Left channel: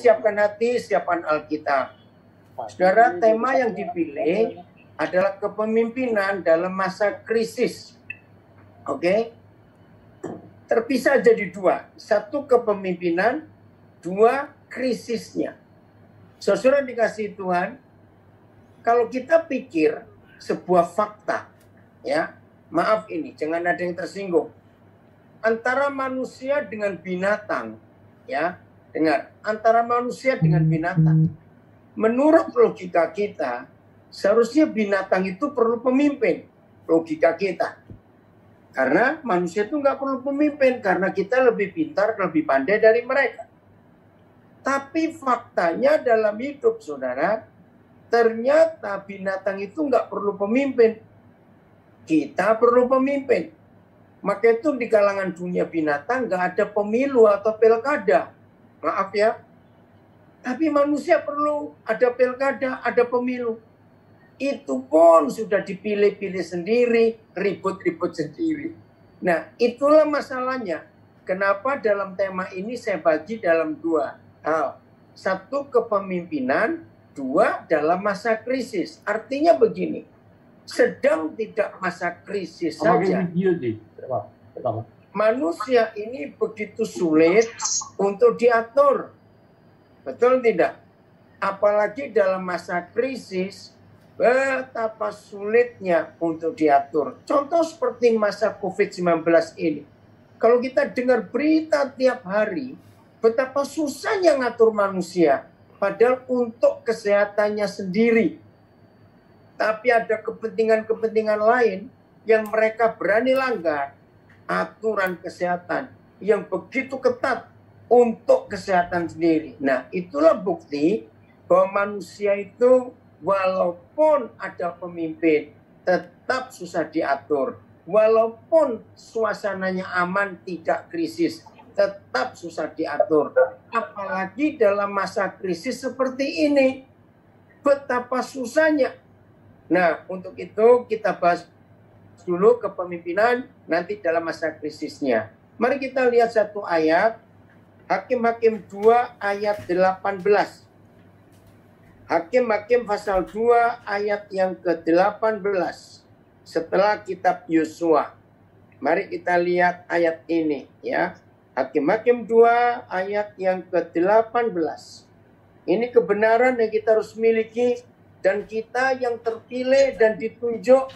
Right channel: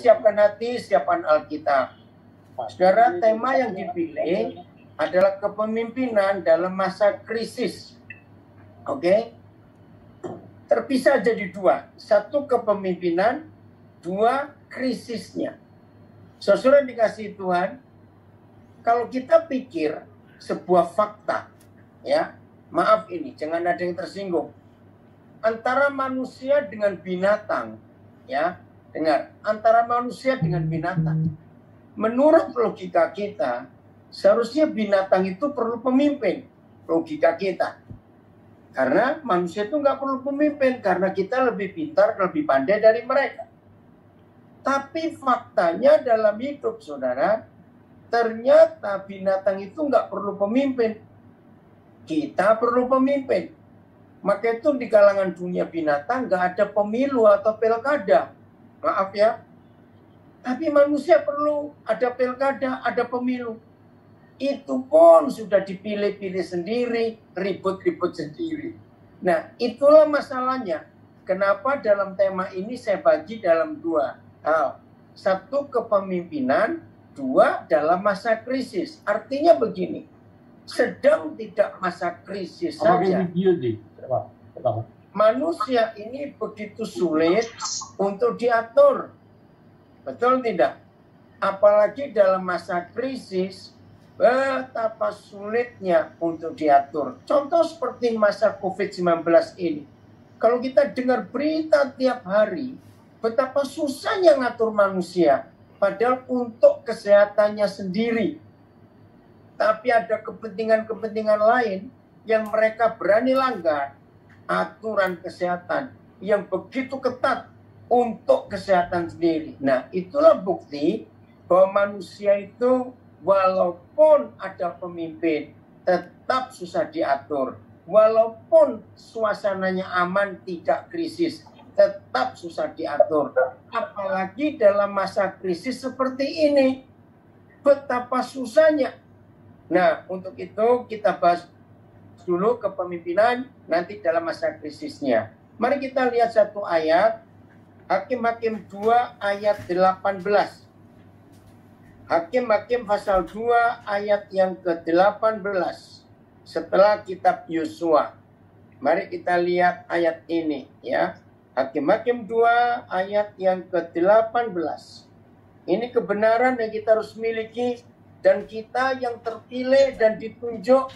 siapkan hati, siapkan Alkitab. Saudara, tema yang dipilih adalah kepemimpinan dalam masa krisis. Oke? Terpisah jadi dua. Satu kepemimpinan, dua krisisnya. Saudara dikasih Tuhan, kalau kita pikir sebuah fakta, ya, maaf ini, jangan ada yang tersinggung. Antara manusia dengan binatang, ya, dengar, antara manusia dengan binatang. Menurut logika kita, seharusnya binatang itu perlu pemimpin, logika kita. Karena manusia itu nggak perlu pemimpin, karena kita lebih pintar, lebih pandai dari mereka. Tapi faktanya dalam hidup, saudara, ternyata binatang itu nggak perlu pemimpin. Kita perlu pemimpin. Maka itu di kalangan dunia binatang nggak ada pemilu atau pilkada. Maaf ya. Tapi manusia perlu ada pilkada, ada pemilu. Itu pun sudah dipilih-pilih sendiri, ribut-ribut sendiri. Nah, itulah masalahnya. Kenapa dalam tema ini saya bagi dalam dua hal. Satu, kepemimpinan. Dua, dalam masa krisis. Artinya begini, sedang tidak masa krisis saja. Manusia ini begitu sulit untuk diatur. Betul tidak? Apalagi dalam masa krisis, betapa sulitnya untuk diatur. Contoh seperti masa COVID-19 ini. Kalau kita dengar berita tiap hari, betapa susahnya ngatur manusia. Padahal untuk kesehatannya sendiri. Tapi ada kepentingan-kepentingan lain yang mereka berani langgar aturan kesehatan yang begitu ketat untuk kesehatan sendiri. Nah, itulah bukti bahwa manusia itu walaupun ada pemimpin, tetap susah diatur. Walaupun suasananya aman, tidak krisis, tetap susah diatur. Apalagi dalam masa krisis seperti ini. Betapa susahnya. Nah, untuk itu kita bahas dulu kepemimpinan nanti dalam masa krisisnya. Mari kita lihat satu ayat. Hakim-Hakim 2 ayat 18. Hakim-Hakim pasal 2 ayat yang ke-18 setelah kitab Yosua. Mari kita lihat ayat ini ya. Hakim-Hakim 2 ayat yang ke-18. Ini kebenaran yang kita harus miliki dan kita yang terpilih dan ditunjuk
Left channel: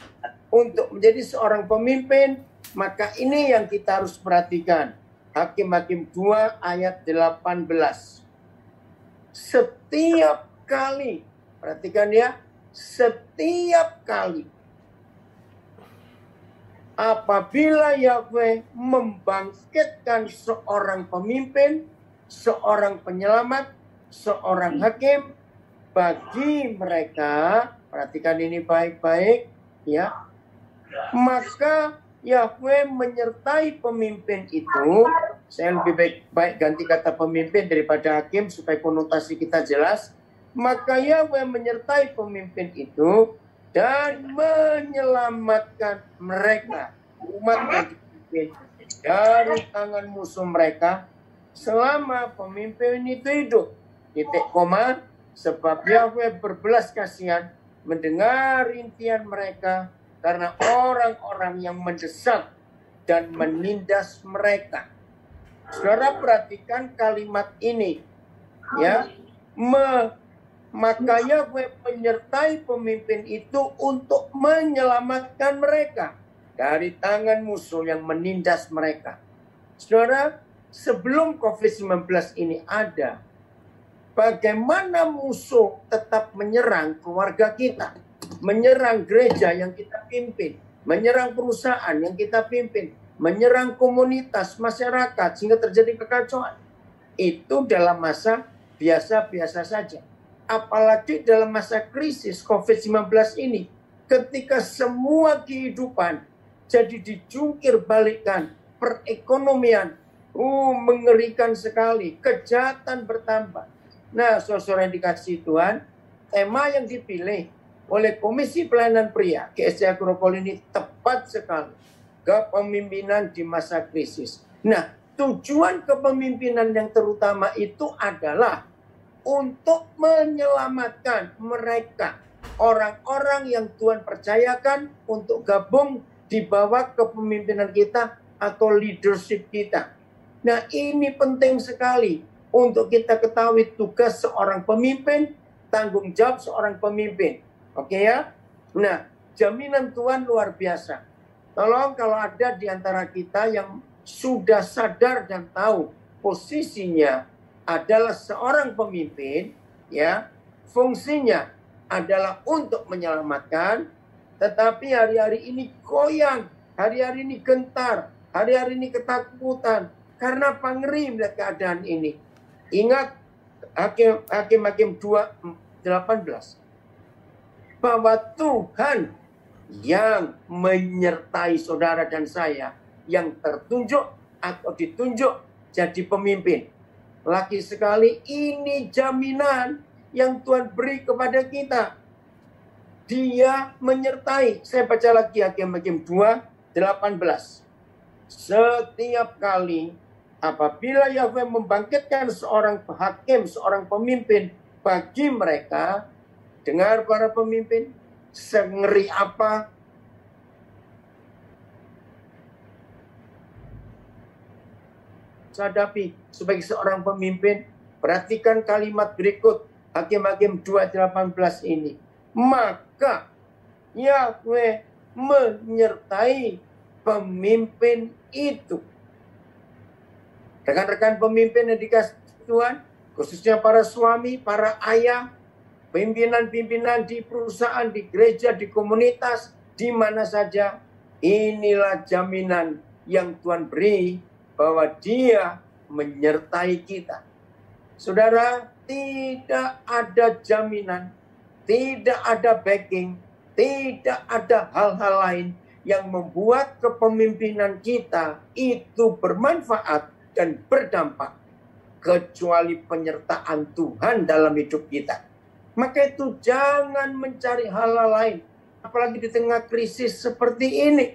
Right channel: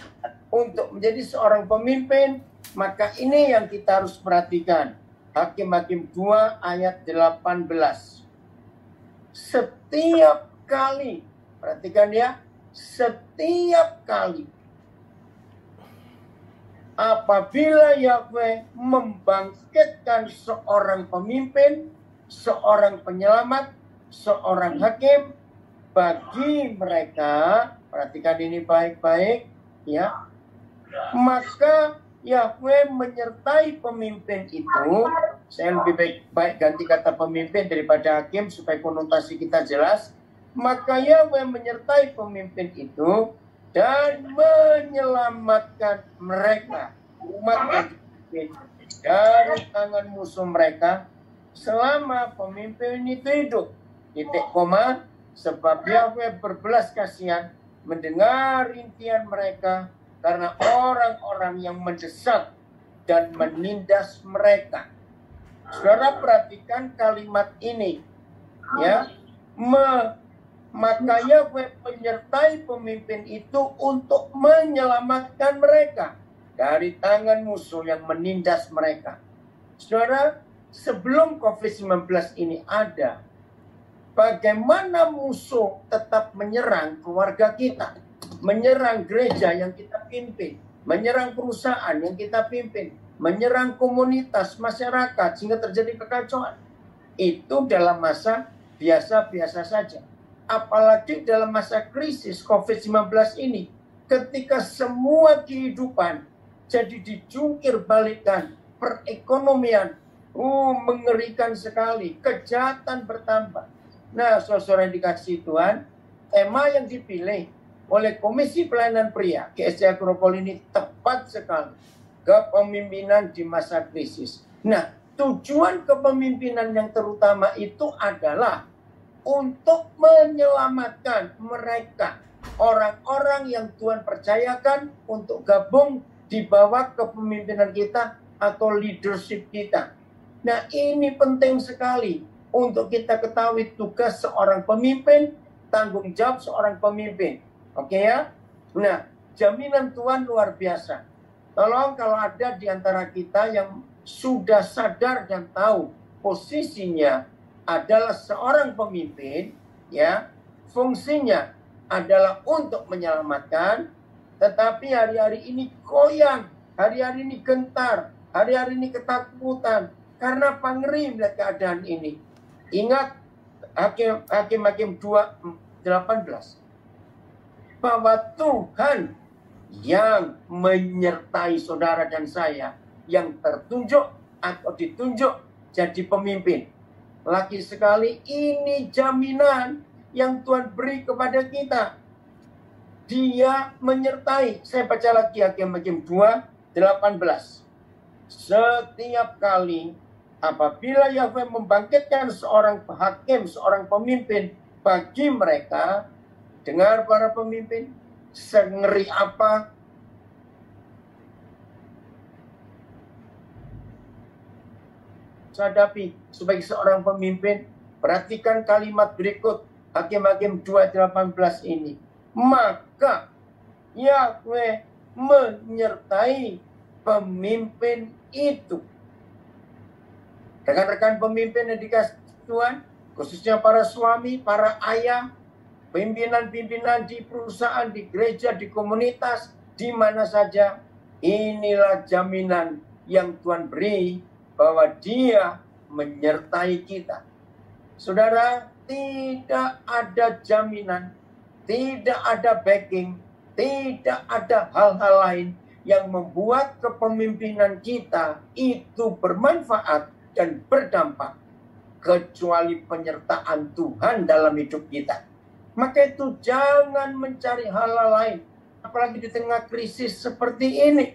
untuk menjadi seorang pemimpin, maka ini yang kita harus perhatikan. Hakim-Hakim 2 ayat 18. Setiap kali, perhatikan ya, setiap kali apabila Yahweh membangkitkan seorang pemimpin, seorang penyelamat, seorang hakim, bagi mereka, perhatikan ini baik-baik ya, maka Yahweh menyertai pemimpin itu. Saya lebih baik ganti kata pemimpin daripada hakim supaya konotasi kita jelas. Maka Yahweh menyertai pemimpin itu dan menyelamatkan mereka, umat yang dipimpin, dari tangan musuh mereka selama pemimpin itu hidup. Titik koma, sebab Yahweh berbelas kasihan mendengar rintihan mereka karena orang-orang yang mendesak dan menindas mereka. Saudara perhatikan kalimat ini ya. Maka Yahweh menyertai pemimpin itu untuk menyelamatkan mereka dari tangan musuh yang menindas mereka. Saudara, sebelum COVID-19 ini ada, bagaimana musuh tetap menyerang keluarga kita, menyerang gereja yang kita pimpin, menyerang perusahaan yang kita pimpin, menyerang komunitas, masyarakat, sehingga terjadi kekacauan. Itu dalam masa biasa-biasa saja. Apalagi dalam masa krisis COVID-19 ini, ketika semua kehidupan jadi dijungkir balikan, perekonomian, mengerikan sekali, kejahatan bertambah. Nah, saudara yang dikasih Tuhan, tema yang dipilih oleh Komisi Pelayanan Pria GSC Agropol ini tepat sekali. Kepemimpinan di masa krisis. Nah, tujuan kepemimpinan yang terutama itu adalah untuk menyelamatkan mereka, orang-orang yang Tuhan percayakan untuk gabung di bawah kepemimpinan kita atau leadership kita. Nah, ini penting sekali untuk kita ketahui tugas seorang pemimpin, tanggung jawab seorang pemimpin. Oke ya? Nah, jaminan Tuhan luar biasa. Tolong kalau ada di antara kita yang sudah sadar dan tahu posisinya adalah seorang pemimpin, ya, fungsinya adalah untuk menyelamatkan, tetapi hari-hari ini goyang, hari-hari ini gentar, hari-hari ini ketakutan, karena ngeri melihat keadaan ini. Ingat Hakim 2:18 bahwa Tuhan yang menyertai saudara dan saya yang tertunjuk atau ditunjuk jadi pemimpin. Lagi sekali ini jaminan yang Tuhan beri kepada kita. Dia menyertai. Saya baca lagi Hakim 2:18. Setiap kali apabila Yahweh membangkitkan seorang hakim, seorang pemimpin bagi mereka, dengar para pemimpin, sengeri apa hadapi sebagai seorang pemimpin, perhatikan kalimat berikut Hakim 2:18 ini. Maka Yahweh menyertai pemimpin itu. Rekan-rekan pemimpin yang dikasih Tuhan, khususnya para suami, para ayah, pimpinan-pimpinan di perusahaan, di gereja, di komunitas, di mana saja, inilah jaminan yang Tuhan beri bahwa Dia menyertai kita. Saudara, tidak ada jaminan, tidak ada backing, tidak ada hal-hal lain yang membuat kepemimpinan kita itu bermanfaat dan berdampak kecuali penyertaan Tuhan dalam hidup kita. Maka itu jangan mencari hal-hal lain, apalagi di tengah krisis seperti ini.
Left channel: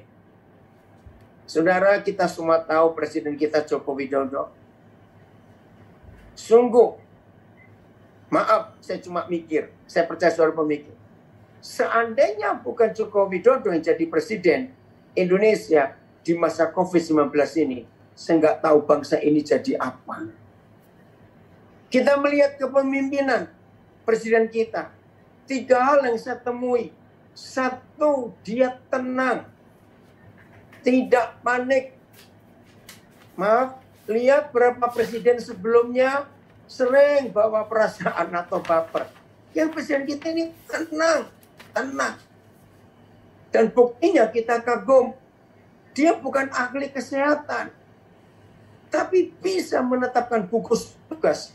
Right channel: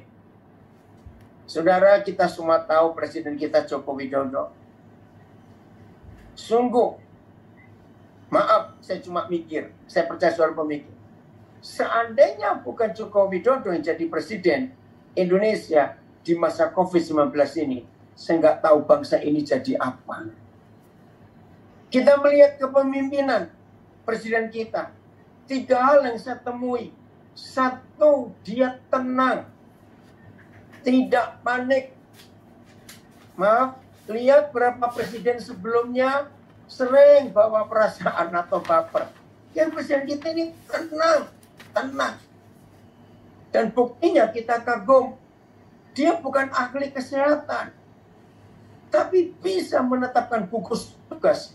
Saudara, kita semua tahu Presiden kita Joko Widodo. Sungguh, maaf, saya cuma mikir, saya percaya saudara pemikir. Seandainya bukan Joko Widodo yang jadi Presiden Indonesia di masa COVID-19 ini, saya nggak tahu bangsa ini jadi apa. Kita melihat kepemimpinan Presiden kita. 3 hal yang saya temui. 1, dia tenang. Tidak panik. Maaf, lihat berapa presiden sebelumnya sering bawa perasaan atau baper. Yang presiden kita ini tenang. Dan buktinya kita kagum. Dia bukan ahli kesehatan, tapi bisa menetapkan gugus tugas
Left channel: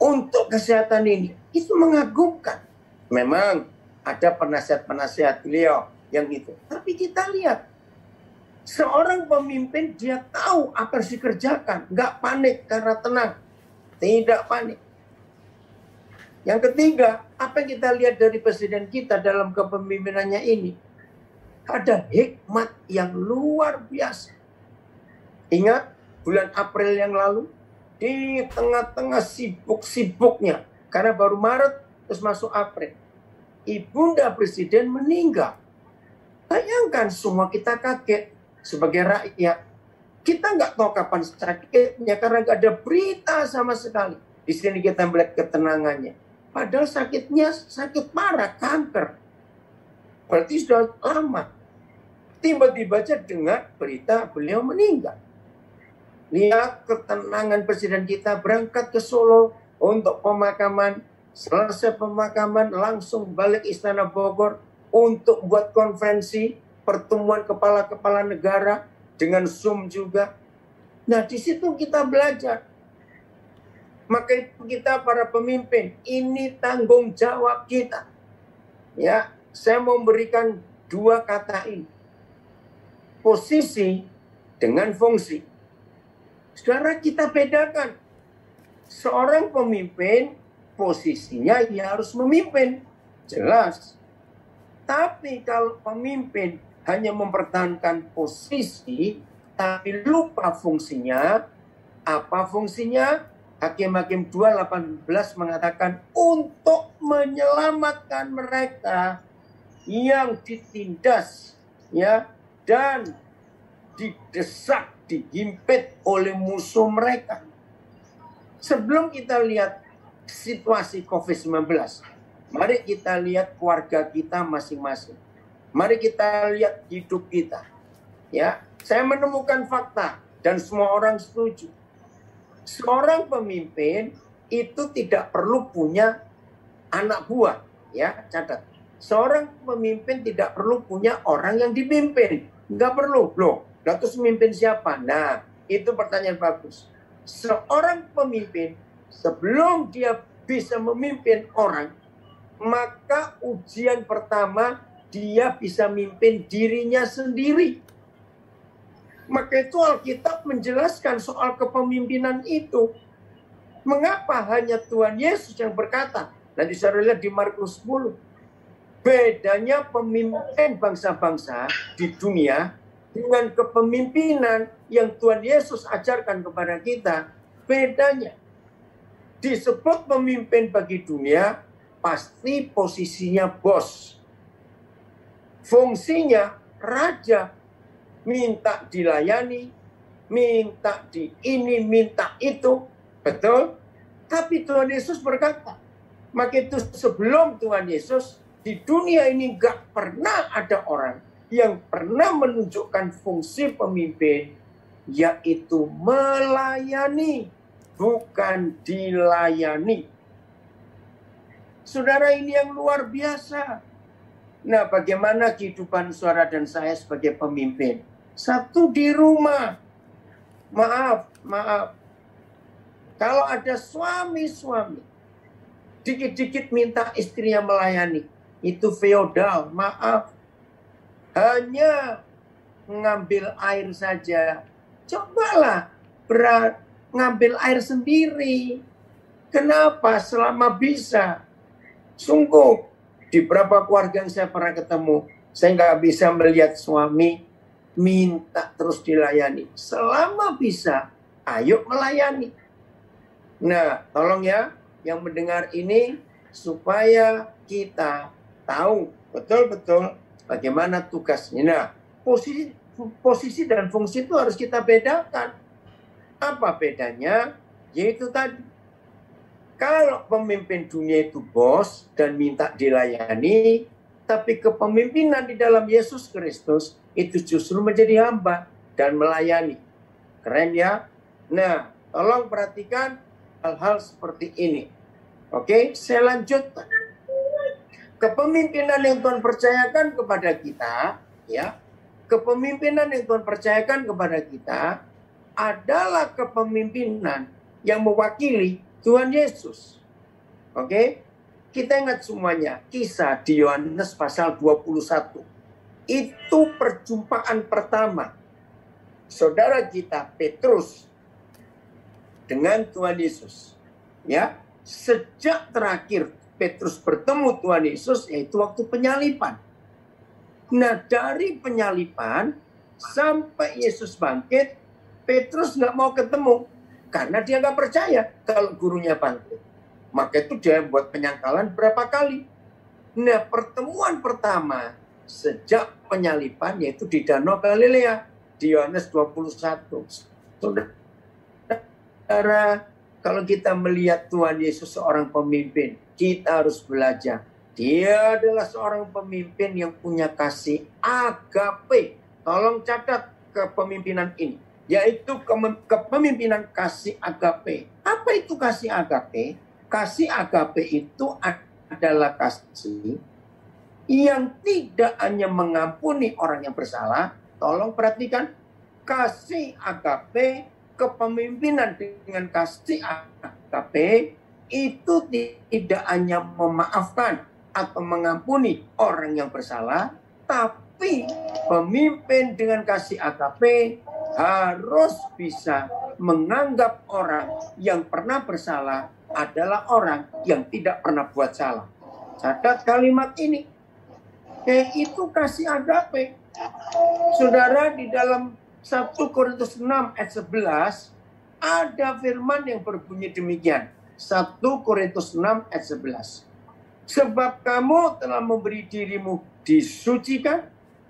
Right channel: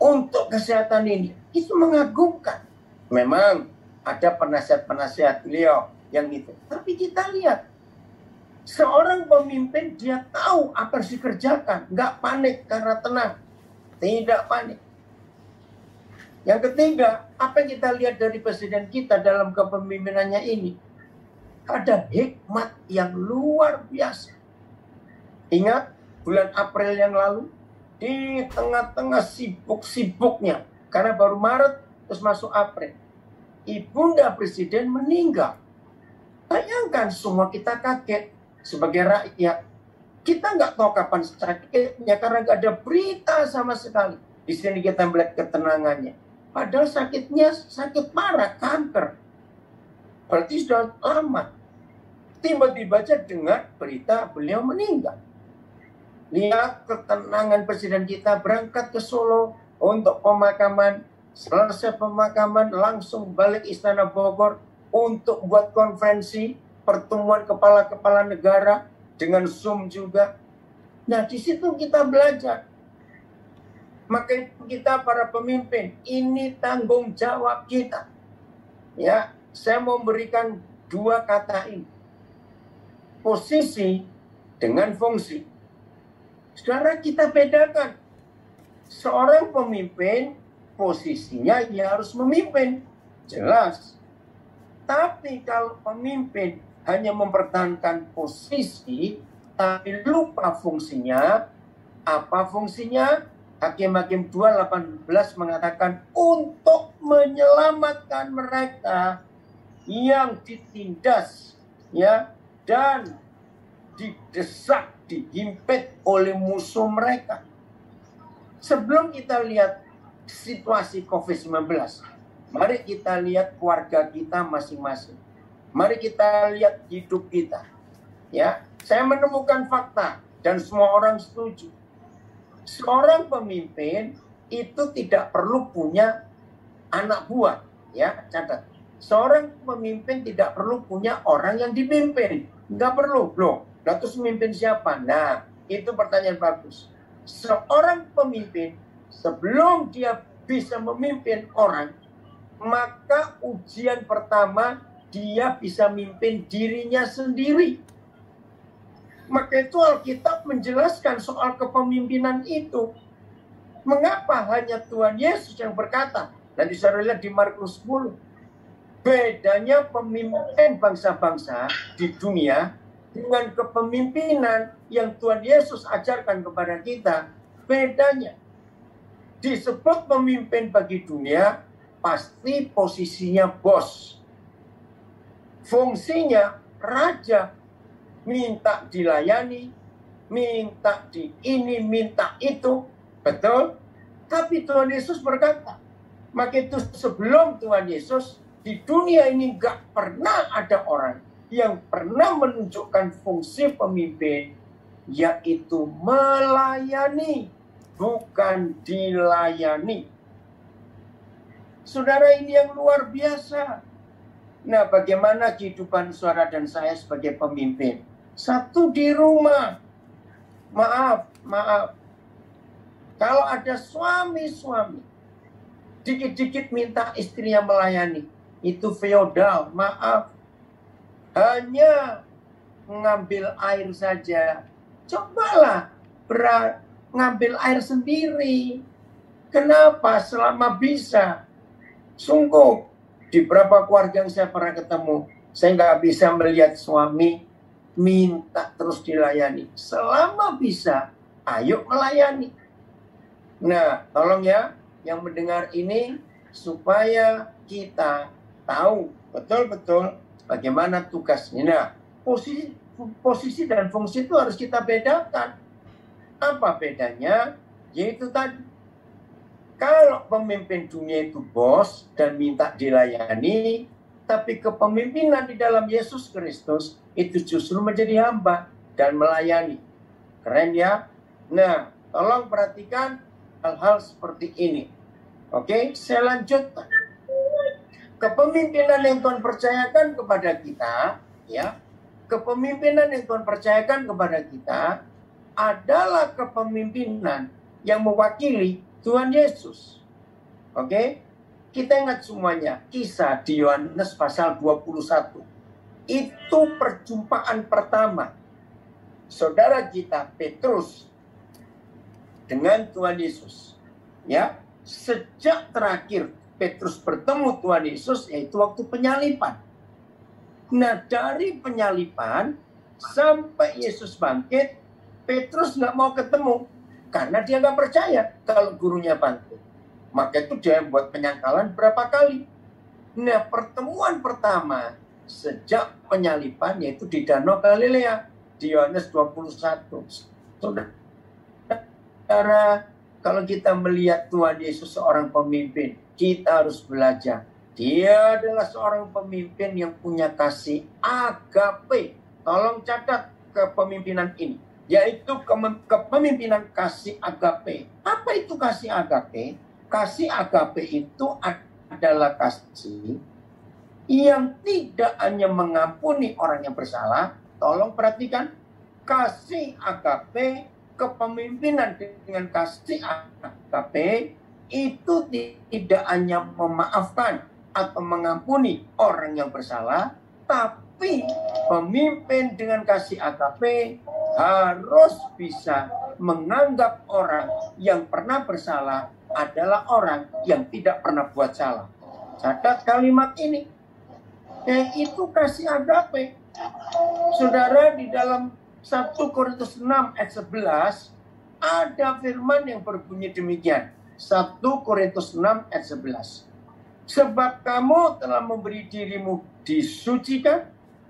untuk kesehatan ini. Itu mengagumkan. Memang ada penasihat-penasihat beliau yang itu. Tapi kita lihat, seorang pemimpin dia tahu apa harus dikerjakan. Nggak panik karena tenang. Tidak panik. Yang ketiga, apa yang kita lihat dari presiden kita dalam kepemimpinannya ini? Ada hikmat yang luar biasa. Ingat bulan April yang lalu, di tengah-tengah sibuk-sibuknya, karena baru Maret terus masuk April, Ibunda Presiden meninggal. Bayangkan semua kita kaget sebagai rakyat. Kita nggak tahu kapan sakitnya karena nggak ada berita sama sekali. Di sini kita melihat ketenangannya. Padahal sakitnya sakit parah, kanker. Berarti sudah lama. Tiba-tiba aja dengar berita beliau meninggal. Lihat ketenangan presiden kita, berangkat ke Solo untuk pemakaman. Selesai pemakaman langsung balik Istana Bogor untuk buat konferensi pertemuan kepala-kepala negara dengan Zoom juga. Nah, di situ kita belajar. Maka itu kita para pemimpin, ini tanggung jawab kita. Ya, saya mau memberikan 2 kata ini. Posisi dengan fungsi. Saudara, kita bedakan. Seorang pemimpin, posisinya ya harus memimpin. Jelas. Tapi kalau pemimpin hanya mempertahankan posisi, tapi lupa fungsinya, apa fungsinya? Hakim-Hakim 2:18 mengatakan untuk menyelamatkan mereka yang ditindas ya dan didesak, dihimpit oleh musuh mereka. Sebelum kita lihat situasi COVID-19, mari kita lihat keluarga kita masing-masing. Mari kita lihat hidup kita. Ya, saya menemukan fakta dan semua orang setuju. Seorang pemimpin itu tidak perlu punya anak buah, ya, catat. Seorang pemimpin tidak perlu punya orang yang dipimpin. Nggak perlu, loh. Terus memimpin siapa? Nah, itu pertanyaan bagus. Seorang pemimpin, sebelum dia bisa memimpin orang, maka ujian pertama, dia bisa memimpin dirinya sendiri. Maka itu Alkitab menjelaskan soal kepemimpinan itu. Mengapa hanya Tuhan Yesus yang berkata? Nanti saya lihat di Markus 10. Bedanya pemimpin bangsa-bangsa di dunia dengan kepemimpinan yang Tuhan Yesus ajarkan kepada kita. Bedanya. Disebut pemimpin bagi dunia, pasti posisinya bos. Fungsinya raja. Minta dilayani, minta di ini, minta itu. Betul? Tapi Tuhan Yesus berkata, maka itu sebelum Tuhan Yesus, di dunia ini gak pernah ada orang yang pernah menunjukkan fungsi pemimpin, yaitu melayani, bukan dilayani. Saudara, ini yang luar biasa. Nah, bagaimana kehidupan saudara dan saya sebagai pemimpin? Satu, di rumah. Maaf. Kalau ada suami-suami, dikit-dikit minta istrinya melayani. Itu feodal, maaf. Hanya mengambil air saja. Cobalah ngambil air sendiri. Kenapa? Selama bisa. Sungguh, di beberapa keluarga yang saya pernah ketemu, saya nggak bisa melihat suami minta terus dilayani. Selama bisa, ayo melayani. Nah, tolong ya, yang mendengar ini, supaya kita tahu betul-betul bagaimana tugasnya. Nah, posisi dan fungsi itu harus kita bedakan. Apa bedanya? Yaitu tadi, kalau pemimpin dunia itu bos dan minta dilayani, tapi kepemimpinan di dalam Yesus Kristus itu justru menjadi hamba dan melayani. Keren ya? Nah, tolong perhatikan hal-hal seperti ini. Oke, saya lanjutkan. Kepemimpinan yang Tuhan percayakan kepada kita, ya, kepemimpinan yang Tuhan percayakan kepada kita adalah kepemimpinan yang mewakili Tuhan Yesus. Oke? Kita ingat semuanya, kisah di Yohanes pasal 21. Itu perjumpaan pertama saudara kita Petrus dengan Tuhan Yesus. Ya, sejak terakhir Petrus bertemu Tuhan Yesus yaitu waktu penyaliban. Nah, dari penyaliban sampai Yesus bangkit, Petrus nggak mau ketemu karena dia nggak percaya kalau gurunya bangkit. Maka itu dia buat penyangkalan berapa kali. Nah, pertemuan pertama sejak penyaliban yaitu di Danau Galilea di Yohanes 21. Saudara, kalau kita melihat Tuhan Yesus seorang pemimpin, kita harus belajar. Dia adalah seorang pemimpin yang punya kasih agape. Tolong catat kepemimpinan ini, yaitu kepemimpinan kasih agape. Apa itu kasih agape? Kasih agape itu adalah kasih yang tidak hanya mengampuni orang yang bersalah. Tolong perhatikan, kasih agape, kepemimpinan dengan kasih agape itu tidak hanya memaafkan atau mengampuni orang yang bersalah, tapi pemimpin dengan kasih agape harus bisa menganggap orang yang pernah bersalah adalah orang yang tidak pernah buat salah. Catat kalimat ini. Itu kasih agape. Saudara, di dalam 1 Korintus 6 ayat 11 Ada firman yang berbunyi demikian. 1 Korintus 6 ayat 11. Sebab kamu telah memberi dirimu disucikan,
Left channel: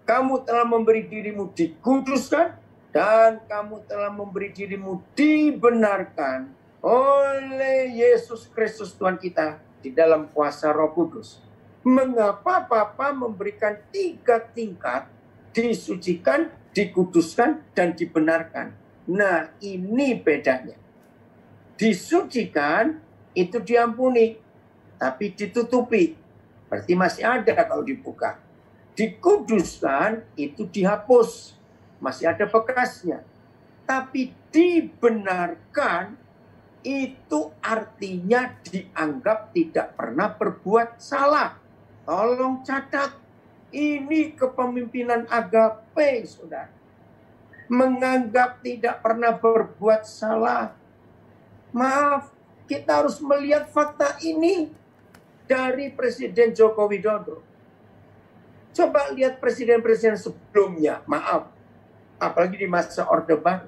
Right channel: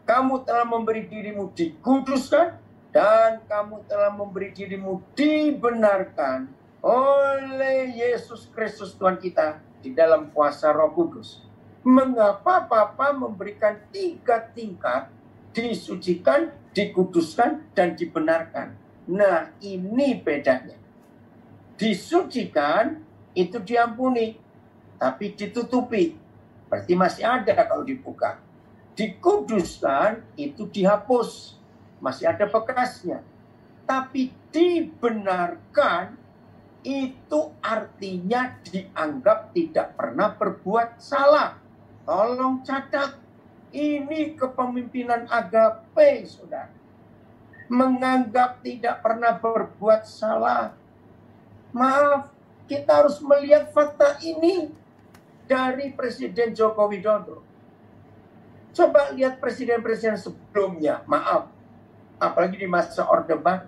kamu telah memberi dirimu dikuduskan, dan kamu telah memberi dirimu dibenarkan oleh Yesus Kristus Tuhan kita di dalam kuasa Roh Kudus. Mengapa Bapa memberikan 3 tingkat, disucikan, dikuduskan, dan dibenarkan? Nah, ini bedanya. Disucikan itu diampuni, tapi ditutupi. Berarti masih ada kalau dibuka. Dikuduskan itu dihapus, masih ada bekasnya. Tapi dibenarkan itu artinya dianggap tidak pernah berbuat salah. Tolong catat, ini kepemimpinan agape, saudara. Menganggap tidak pernah berbuat salah. Maaf, kita harus melihat fakta ini dari Presiden Joko Widodo. Coba lihat presiden-presiden sebelumnya, maaf, apalagi di masa Orde Baru.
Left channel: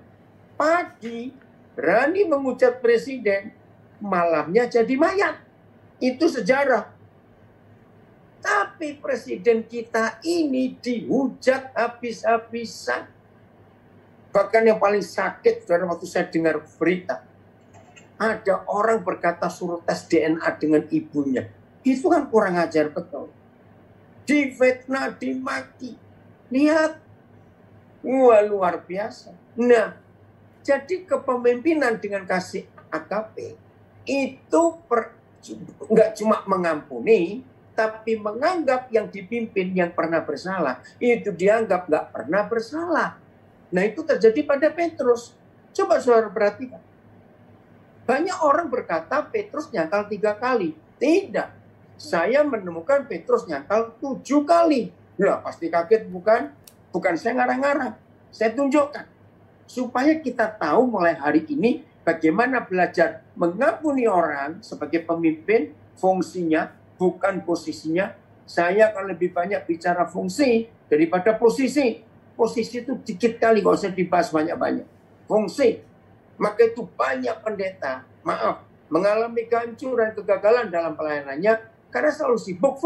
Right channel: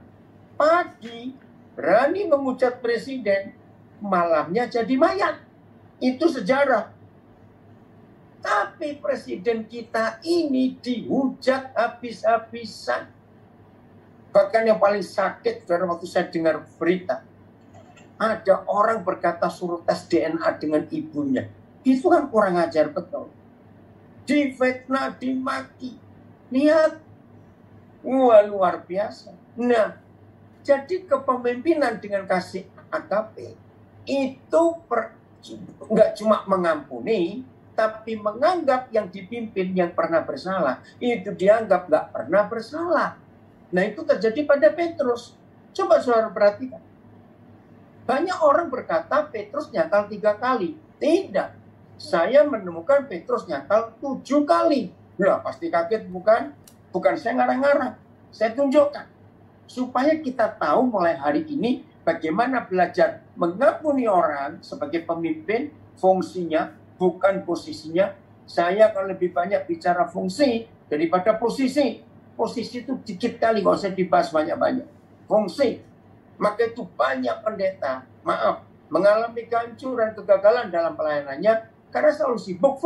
Pagi berani mengucat presiden, malamnya jadi mayat. Itu sejarah. Tapi presiden kita ini dihujat habis-habisan. Bahkan yang paling sakit, saudara, waktu saya dengar berita, ada orang berkata suruh tes DNA dengan ibunya. Itu kan kurang ajar betul. Difitnah, dimaki. Lihat. Wah, luar biasa. Nah, jadi kepemimpinan dengan kasih agape itu nggak cuma mengampuni, tapi menganggap yang dipimpin yang pernah bersalah, itu dianggap nggak pernah bersalah. Nah, itu terjadi pada Petrus. Coba saudara perhatikan. Banyak orang berkata Petrus nyakal 3 kali. Tidak. Saya menemukan Petrus nyakal 7 kali. Ya, pasti kaget bukan? Bukan saya ngarang-ngarang. Saya tunjukkan. Supaya kita tahu mulai hari ini bagaimana belajar mengampuni orang sebagai pemimpin, fungsinya, bukan posisinya. Saya akan lebih banyak bicara fungsi daripada posisi. Posisi itu dikit kali, nggak usah dibahas banyak-banyak. Fungsi. Maka itu banyak pendeta, maaf, mengalami kehancuran, kegagalan dalam pelayanannya, karena selalu sibuk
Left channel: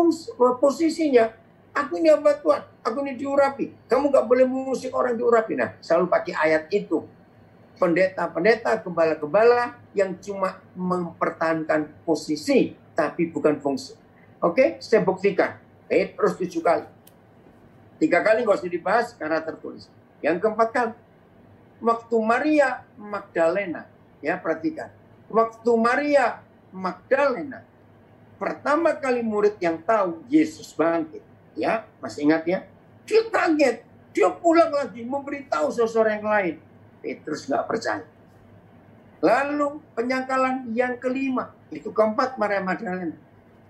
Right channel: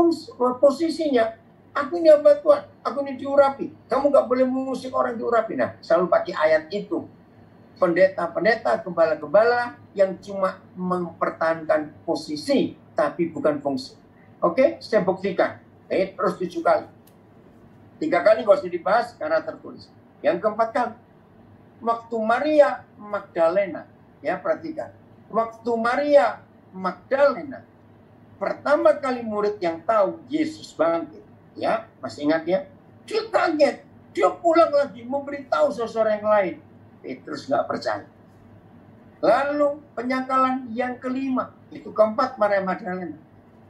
posisinya. Aku ini hamba Tuhan, aku ini diurapi. Kamu nggak boleh mengusik orang diurapi. Nah, selalu pakai ayat itu. Pendeta-pendeta, gembala-gembala yang cuma mempertahankan posisi, tapi bukan fungsi. Oke, saya buktikan. Terus 7 kali. 3 kali nggak usah dibahas karena tertulis. Yang keempat kali, waktu Maria Magdalena, ya perhatikan. Waktu Maria Magdalena pertama kali murid yang tahu Yesus bangkit, ya masih ingat ya? Dia kaget, dia pulang lagi memberitahu saudara yang lain. Petrus nggak percaya. Lalu penyangkalan yang kelima, itu keempat Maria Magdalena.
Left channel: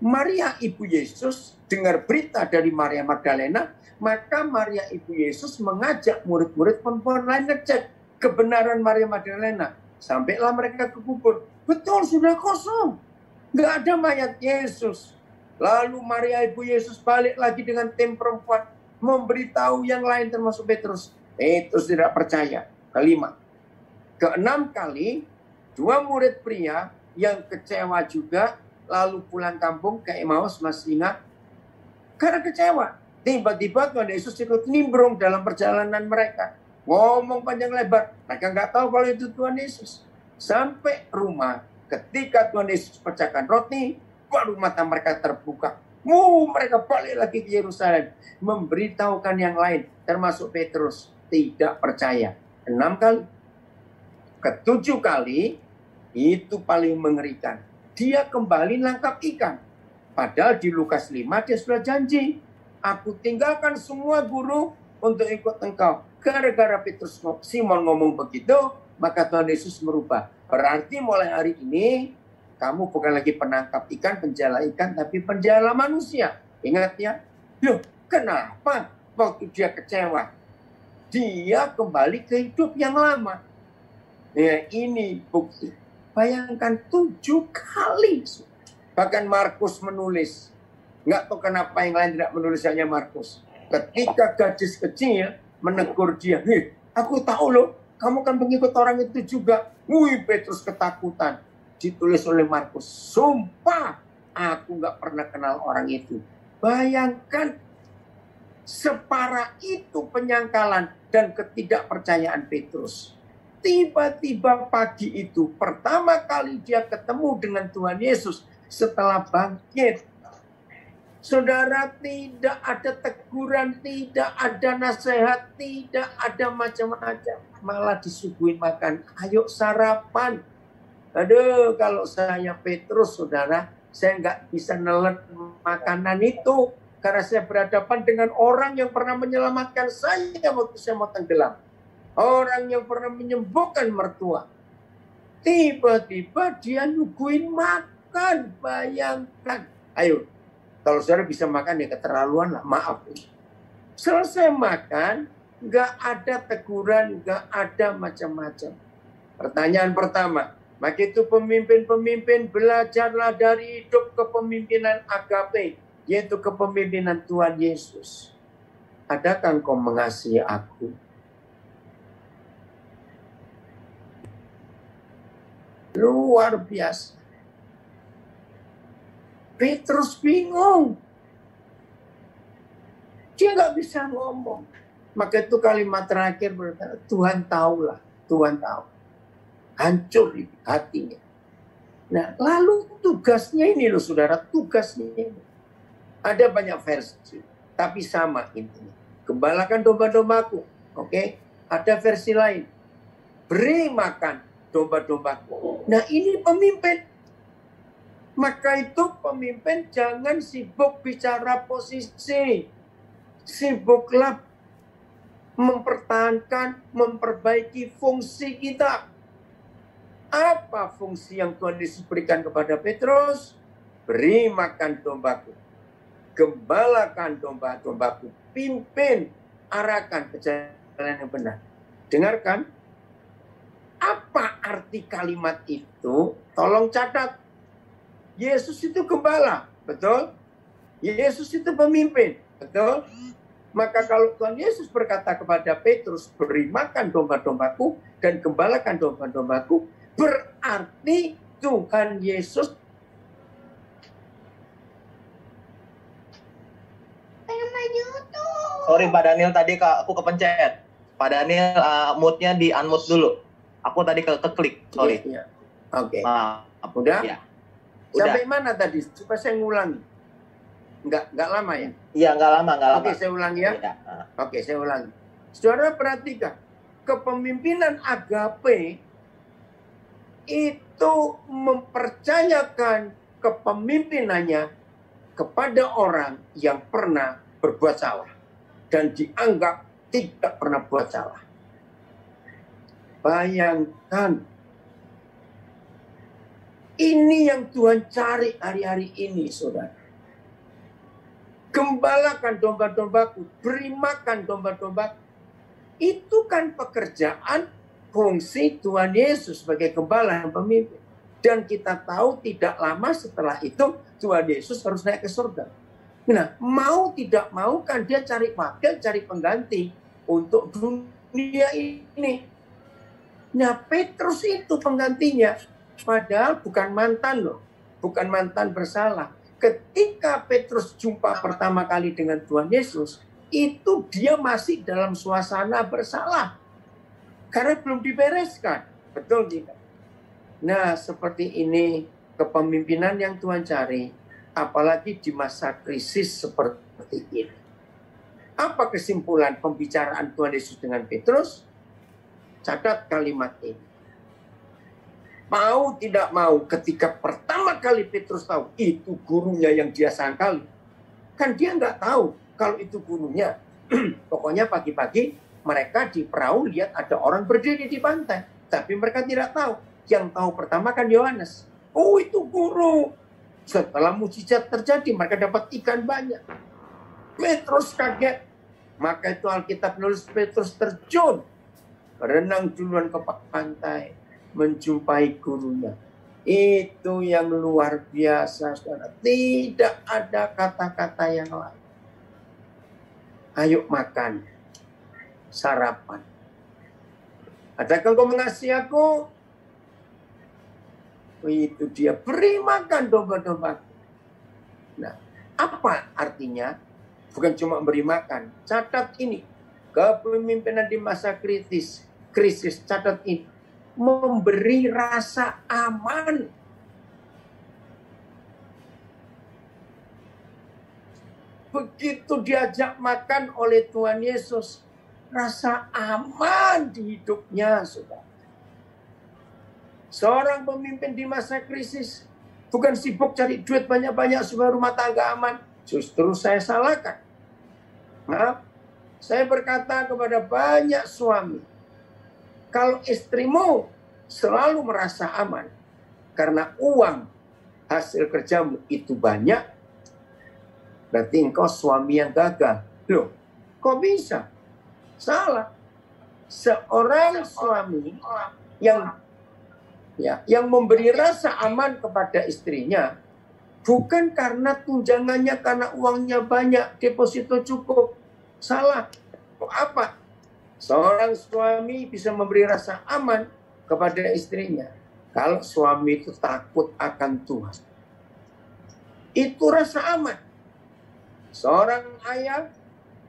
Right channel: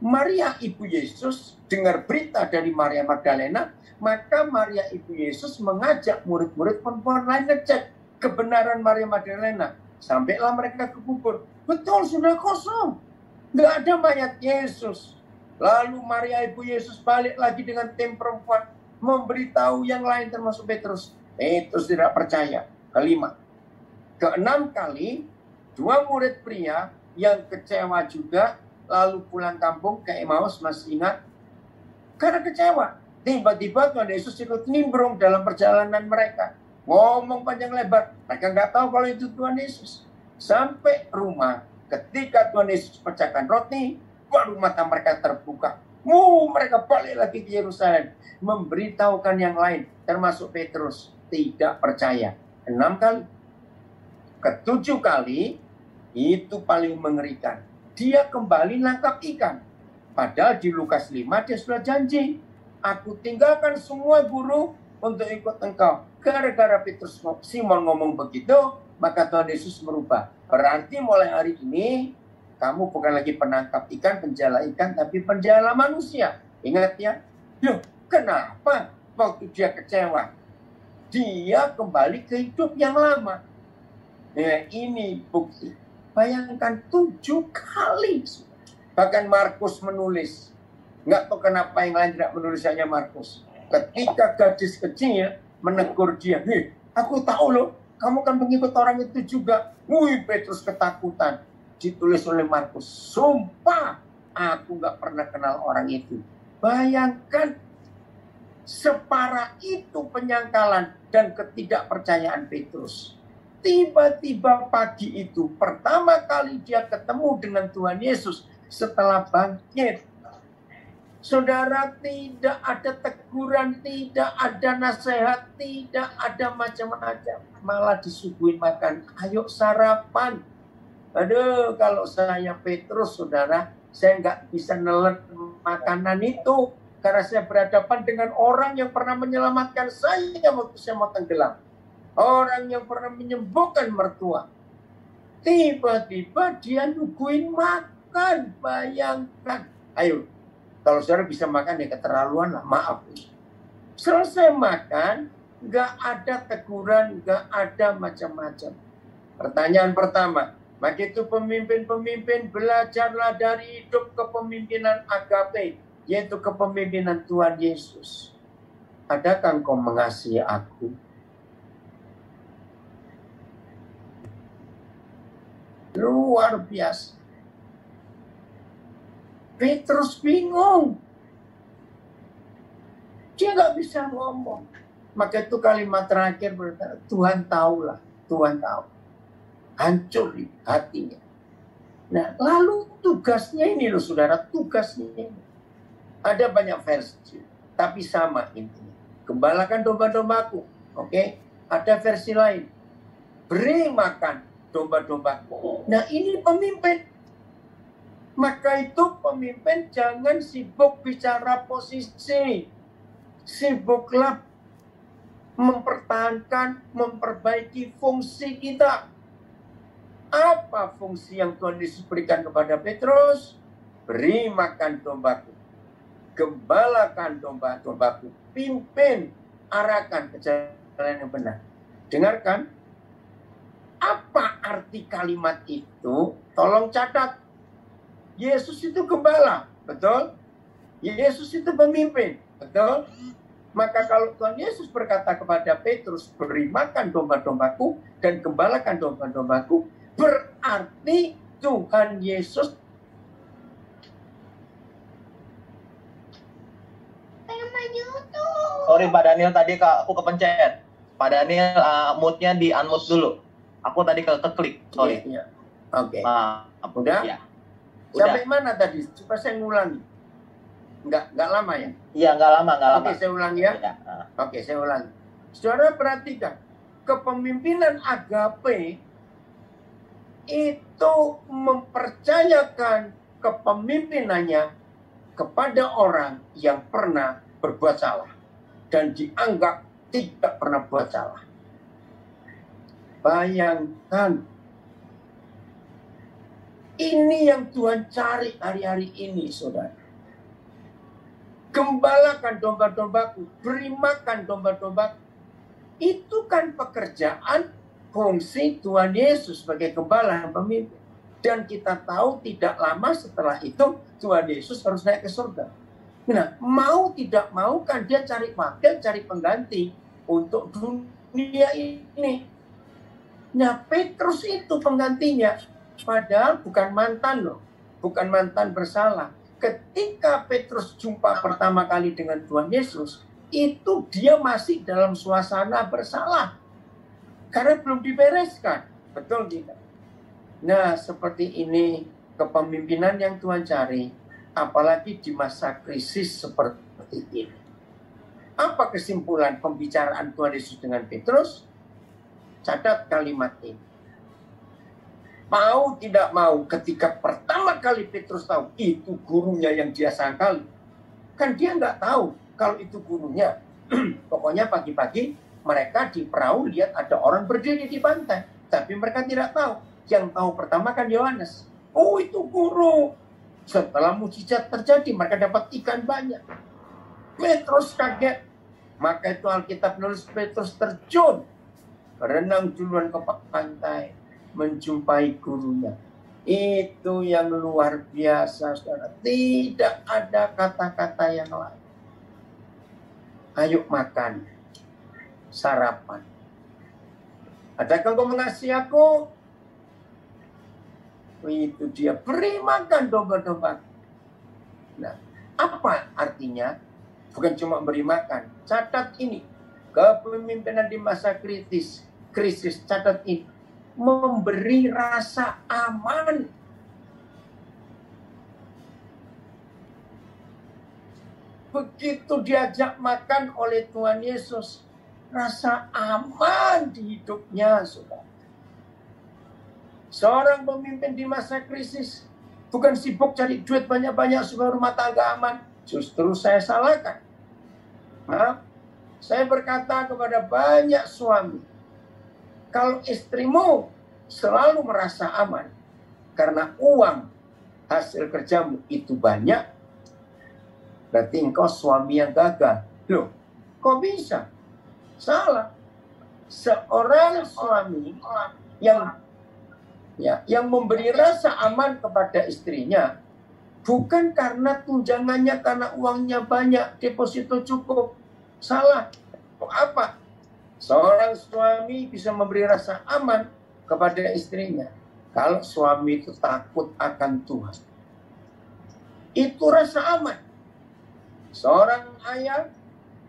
Maria ibu Yesus dengar berita dari Maria Magdalena, maka Maria ibu Yesus mengajak murid-murid perempuan lain ngecek kebenaran Maria Magdalena. Sampailah mereka ke kubur. Betul, sudah kosong. Nggak ada mayat Yesus. Lalu Maria ibu Yesus balik lagi dengan tim perempuan, memberitahu yang lain termasuk Petrus. Petrus tidak percaya. Kelima. Keenam kali, 2 murid pria yang kecewa juga, lalu pulang kampung ke Emmaus, masih ingat? Karena kecewa. Tiba-tiba Tuhan Yesus ikut nimbrung dalam perjalanan mereka. Ngomong panjang lebar. Mereka nggak tahu kalau itu Tuhan Yesus. Sampai rumah, ketika Tuhan Yesus pecahkan roti, baru mata mereka terbuka. Mereka balik lagi ke Yerusalem. Memberitahukan yang lain, termasuk Petrus. Tidak percaya. 6 kali. Ke-7 kali, itu paling mengerikan. Dia kembali nangkap ikan. Padahal di Lukas 5 dia sudah janji. Aku tinggalkan semua guru untuk ikut engkau. Gara-gara Petrus Simon ngomong begitu, maka Tuhan Yesus merubah. Berarti mulai hari ini, kamu bukan lagi penangkap ikan, penjala ikan, tapi penjala manusia. Ingat ya? Loh, kenapa? Waktu dia kecewa, dia kembali ke hidup yang lama. Ya, ini bukti. Bayangkan 7 kali. Bahkan Markus menulis. Nggak tahu kenapa yang lain tidak menulis, hanya Markus. Ketika gadis kecil menegur dia, aku tahu loh, kamu kan pengikut orang itu juga. Wih, Petrus ketakutan. Ditulis oleh Markus, sumpah aku nggak pernah kenal orang itu. Bayangkan separah itu penyangkalan dan ketidakpercayaan Petrus. Tiba-tiba pagi itu pertama kali dia ketemu dengan Tuhan Yesus setelah bangkit. Saudara, tidak ada teguran, tidak ada nasihat, tidak ada macam-macam. Malah disuguhin makan. Ayo sarapan. Aduh, kalau saya Petrus, saudara, saya nggak bisa nelen makanan itu. Karena saya berhadapan dengan orang yang pernah menyelamatkan saya waktu saya mau tenggelam. Orang yang pernah menyembuhkan mertua. Tiba-tiba dia nyuguhin makan. Bayangkan. Ayo, kalau saudara bisa makan ya keterlaluan lah, maaf. Selesai makan, nggak ada teguran, nggak ada macam-macam. Pertanyaan pertama, maka itu pemimpin-pemimpin belajarlah dari hidup kepemimpinan agape, yaitu kepemimpinan Tuhan Yesus. Adakah engkau mengasihi aku? Luar biasa. Petrus bingung. Dia nggak bisa ngomong. Maka itu kalimat terakhir berkata, Tuhan tahulah, Tuhan tahu. Hancur di hatinya. Nah, lalu tugasnya ini loh saudara, tugasnya ini. Ada banyak versi, tapi sama intinya. Gembalakan domba-dombaku. Oke? Ada versi lain. Beri makan domba-dombaku. Nah, ini pemimpin. Maka itu pemimpin jangan sibuk bicara posisi. Sibuklah mempertahankan, memperbaiki fungsi kita. Apa fungsi yang Tuhan Yesus berikan kepada Petrus? Beri makan dombaku. Gembalakan domba-dombaku. Pimpin, arahkan ke jalan yang benar. Dengarkan. Apa arti kalimat itu? Tolong catat. Yesus itu gembala, betul? Yesus itu pemimpin, betul? Maka kalau Tuhan Yesus berkata kepada Petrus, beri makan domba-dombaku dan gembalakan domba-dombaku, berarti Tuhan Yesus Sorry Pak Daniel, tadi aku kepencet. Pak Daniel, mute-nya di unmute dulu. Aku tadi keklik, sorry. Iya. Oke. Udah? Ya. Sampai mana tadi? Coba saya ngulangi. Nggak lama ya? Iya, nggak lama. Oke, saya ulangi ya. Oke, saya ulangi. Saudara perhatikan. Kepemimpinan agape itu mempercayakan kepemimpinannya kepada orang yang pernah berbuat salah. Dan dianggap tidak pernah buat salah. Bayangkan. Ini yang Tuhan cari hari-hari ini, saudara. Gembalakan domba-dombaku, beri makan domba-dombaku. Itu kan pekerjaan fungsi Tuhan Yesus sebagai gembala dan pemimpin. Dan kita tahu tidak lama setelah itu Tuhan Yesus harus naik ke surga. Nah, mau tidak mau kan dia cari wakil, cari pengganti untuk dunia ini. Nah, Petrus itu penggantinya. Padahal bukan mantan loh. Bukan mantan bersalah. Ketika Petrus jumpa pertama kali dengan Tuhan Yesus, itu dia masih dalam suasana bersalah. Karena belum dibereskan. Betul tidak? Nah, seperti ini kepemimpinan yang Tuhan cari. Apalagi di masa krisis seperti ini. Apa kesimpulan pembicaraan Tuhan Yesus dengan Petrus? Catat kalimat ini. Mau tidak mau, ketika pertama kali Petrus tahu itu gurunya yang dia sangkali. Kan dia nggak tahu kalau itu gurunya. Pokoknya pagi-pagi mereka di perahu lihat ada orang berdiri di pantai. Tapi mereka tidak tahu. Yang tahu pertama kan Yohanes. Oh, itu guru. Setelah mujizat terjadi, mereka dapat ikan banyak. Petrus kaget. Maka itu Alkitab menulis Petrus terjun. Berenang duluan ke pantai. Menjumpai gurunya. Itu yang luar biasa, saudara. Tidak ada kata-kata yang lain. Ayo makan. Sarapan. Adakah engkau mengasihi aku? Itu dia, beri makan domba-domba. Nah, apa artinya? Bukan cuma beri makan. Catat ini, kepemimpinan di masa krisis, catat ini, memberi rasa aman. Begitu diajak makan oleh Tuhan Yesus, rasa aman di hidupnya, saudara. Seorang pemimpin di masa krisis bukan sibuk cari duit banyak-banyak supaya rumah tangga aman. Justru saya salahkan. Maaf, saya berkata kepada banyak suami, kalau istrimu selalu merasa aman karena uang hasil kerjamu itu banyak, berarti engkau suami yang gagal. Loh, kok bisa? Salah. Seorang suami yang memberi rasa aman kepada istrinya bukan karena tunjangannya, karena uangnya banyak, deposito cukup. Salah. Apa? Seorang suami bisa memberi rasa aman kepada istrinya kalau suami itu takut akan Tuhan. Itu rasa aman. Seorang ayah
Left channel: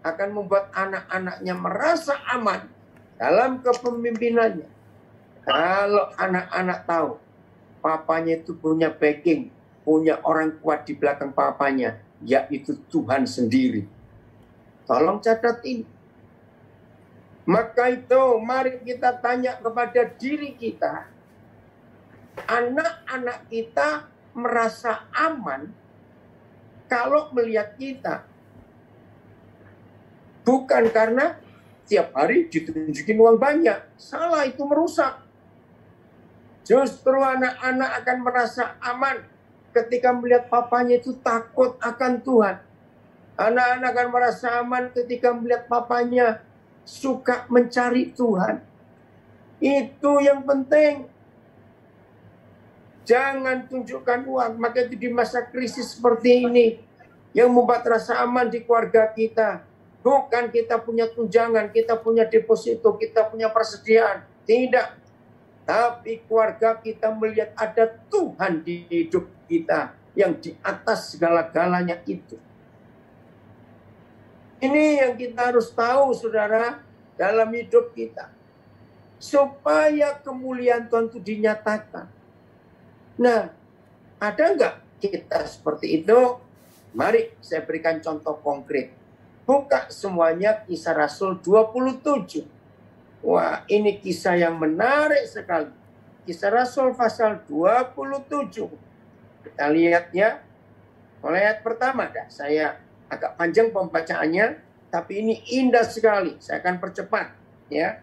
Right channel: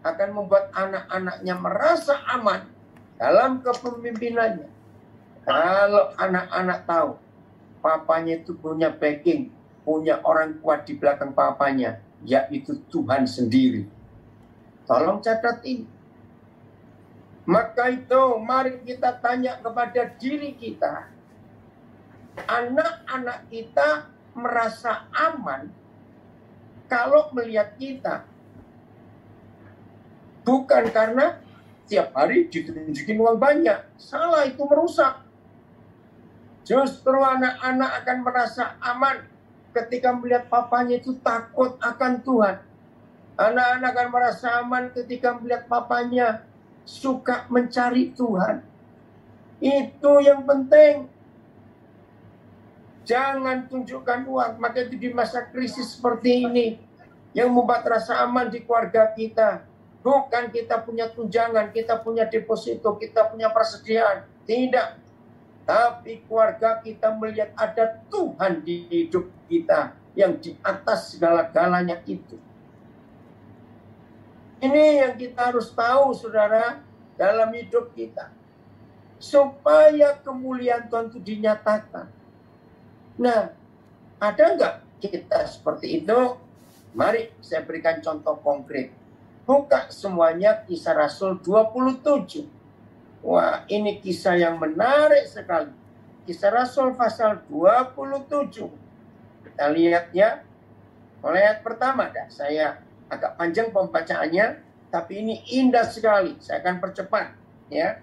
akan membuat anak-anaknya merasa aman dalam kepemimpinannya. Kalau anak-anak tahu papanya itu punya backing, punya orang kuat di belakang papanya, yaitu Tuhan sendiri. Tolong catat ini. Maka itu mari kita tanya kepada diri kita. Anak-anak kita merasa aman kalau melihat kita. Bukan karena tiap hari ditunjukin uang banyak. Salah, itu merusak. Justru anak-anak akan merasa aman ketika melihat papanya itu takut akan Tuhan. Anak-anak akan merasa aman ketika melihat papanya suka mencari Tuhan. Itu yang penting. Jangan tunjukkan uang. Maka itu di masa krisis seperti ini yang membuat rasa aman di keluarga kita. Bukan kita punya tunjangan, kita punya deposito, kita punya persediaan. Tidak. Tapi keluarga kita melihat ada Tuhan di hidup kita yang di atas segala-galanya itu. Ini yang kita harus tahu, saudara, dalam hidup kita. Supaya kemuliaan Tuhan itu dinyatakan. Nah, ada nggak kita seperti itu? Mari saya berikan contoh konkret. Buka semuanya Kisah Rasul 27. Wah, ini kisah yang menarik sekali. Kisah Rasul pasal 27. Kita lihat ya. Mulai ayat pertama. Saya agak panjang pembacaannya, tapi ini indah sekali. Saya akan percepat ya.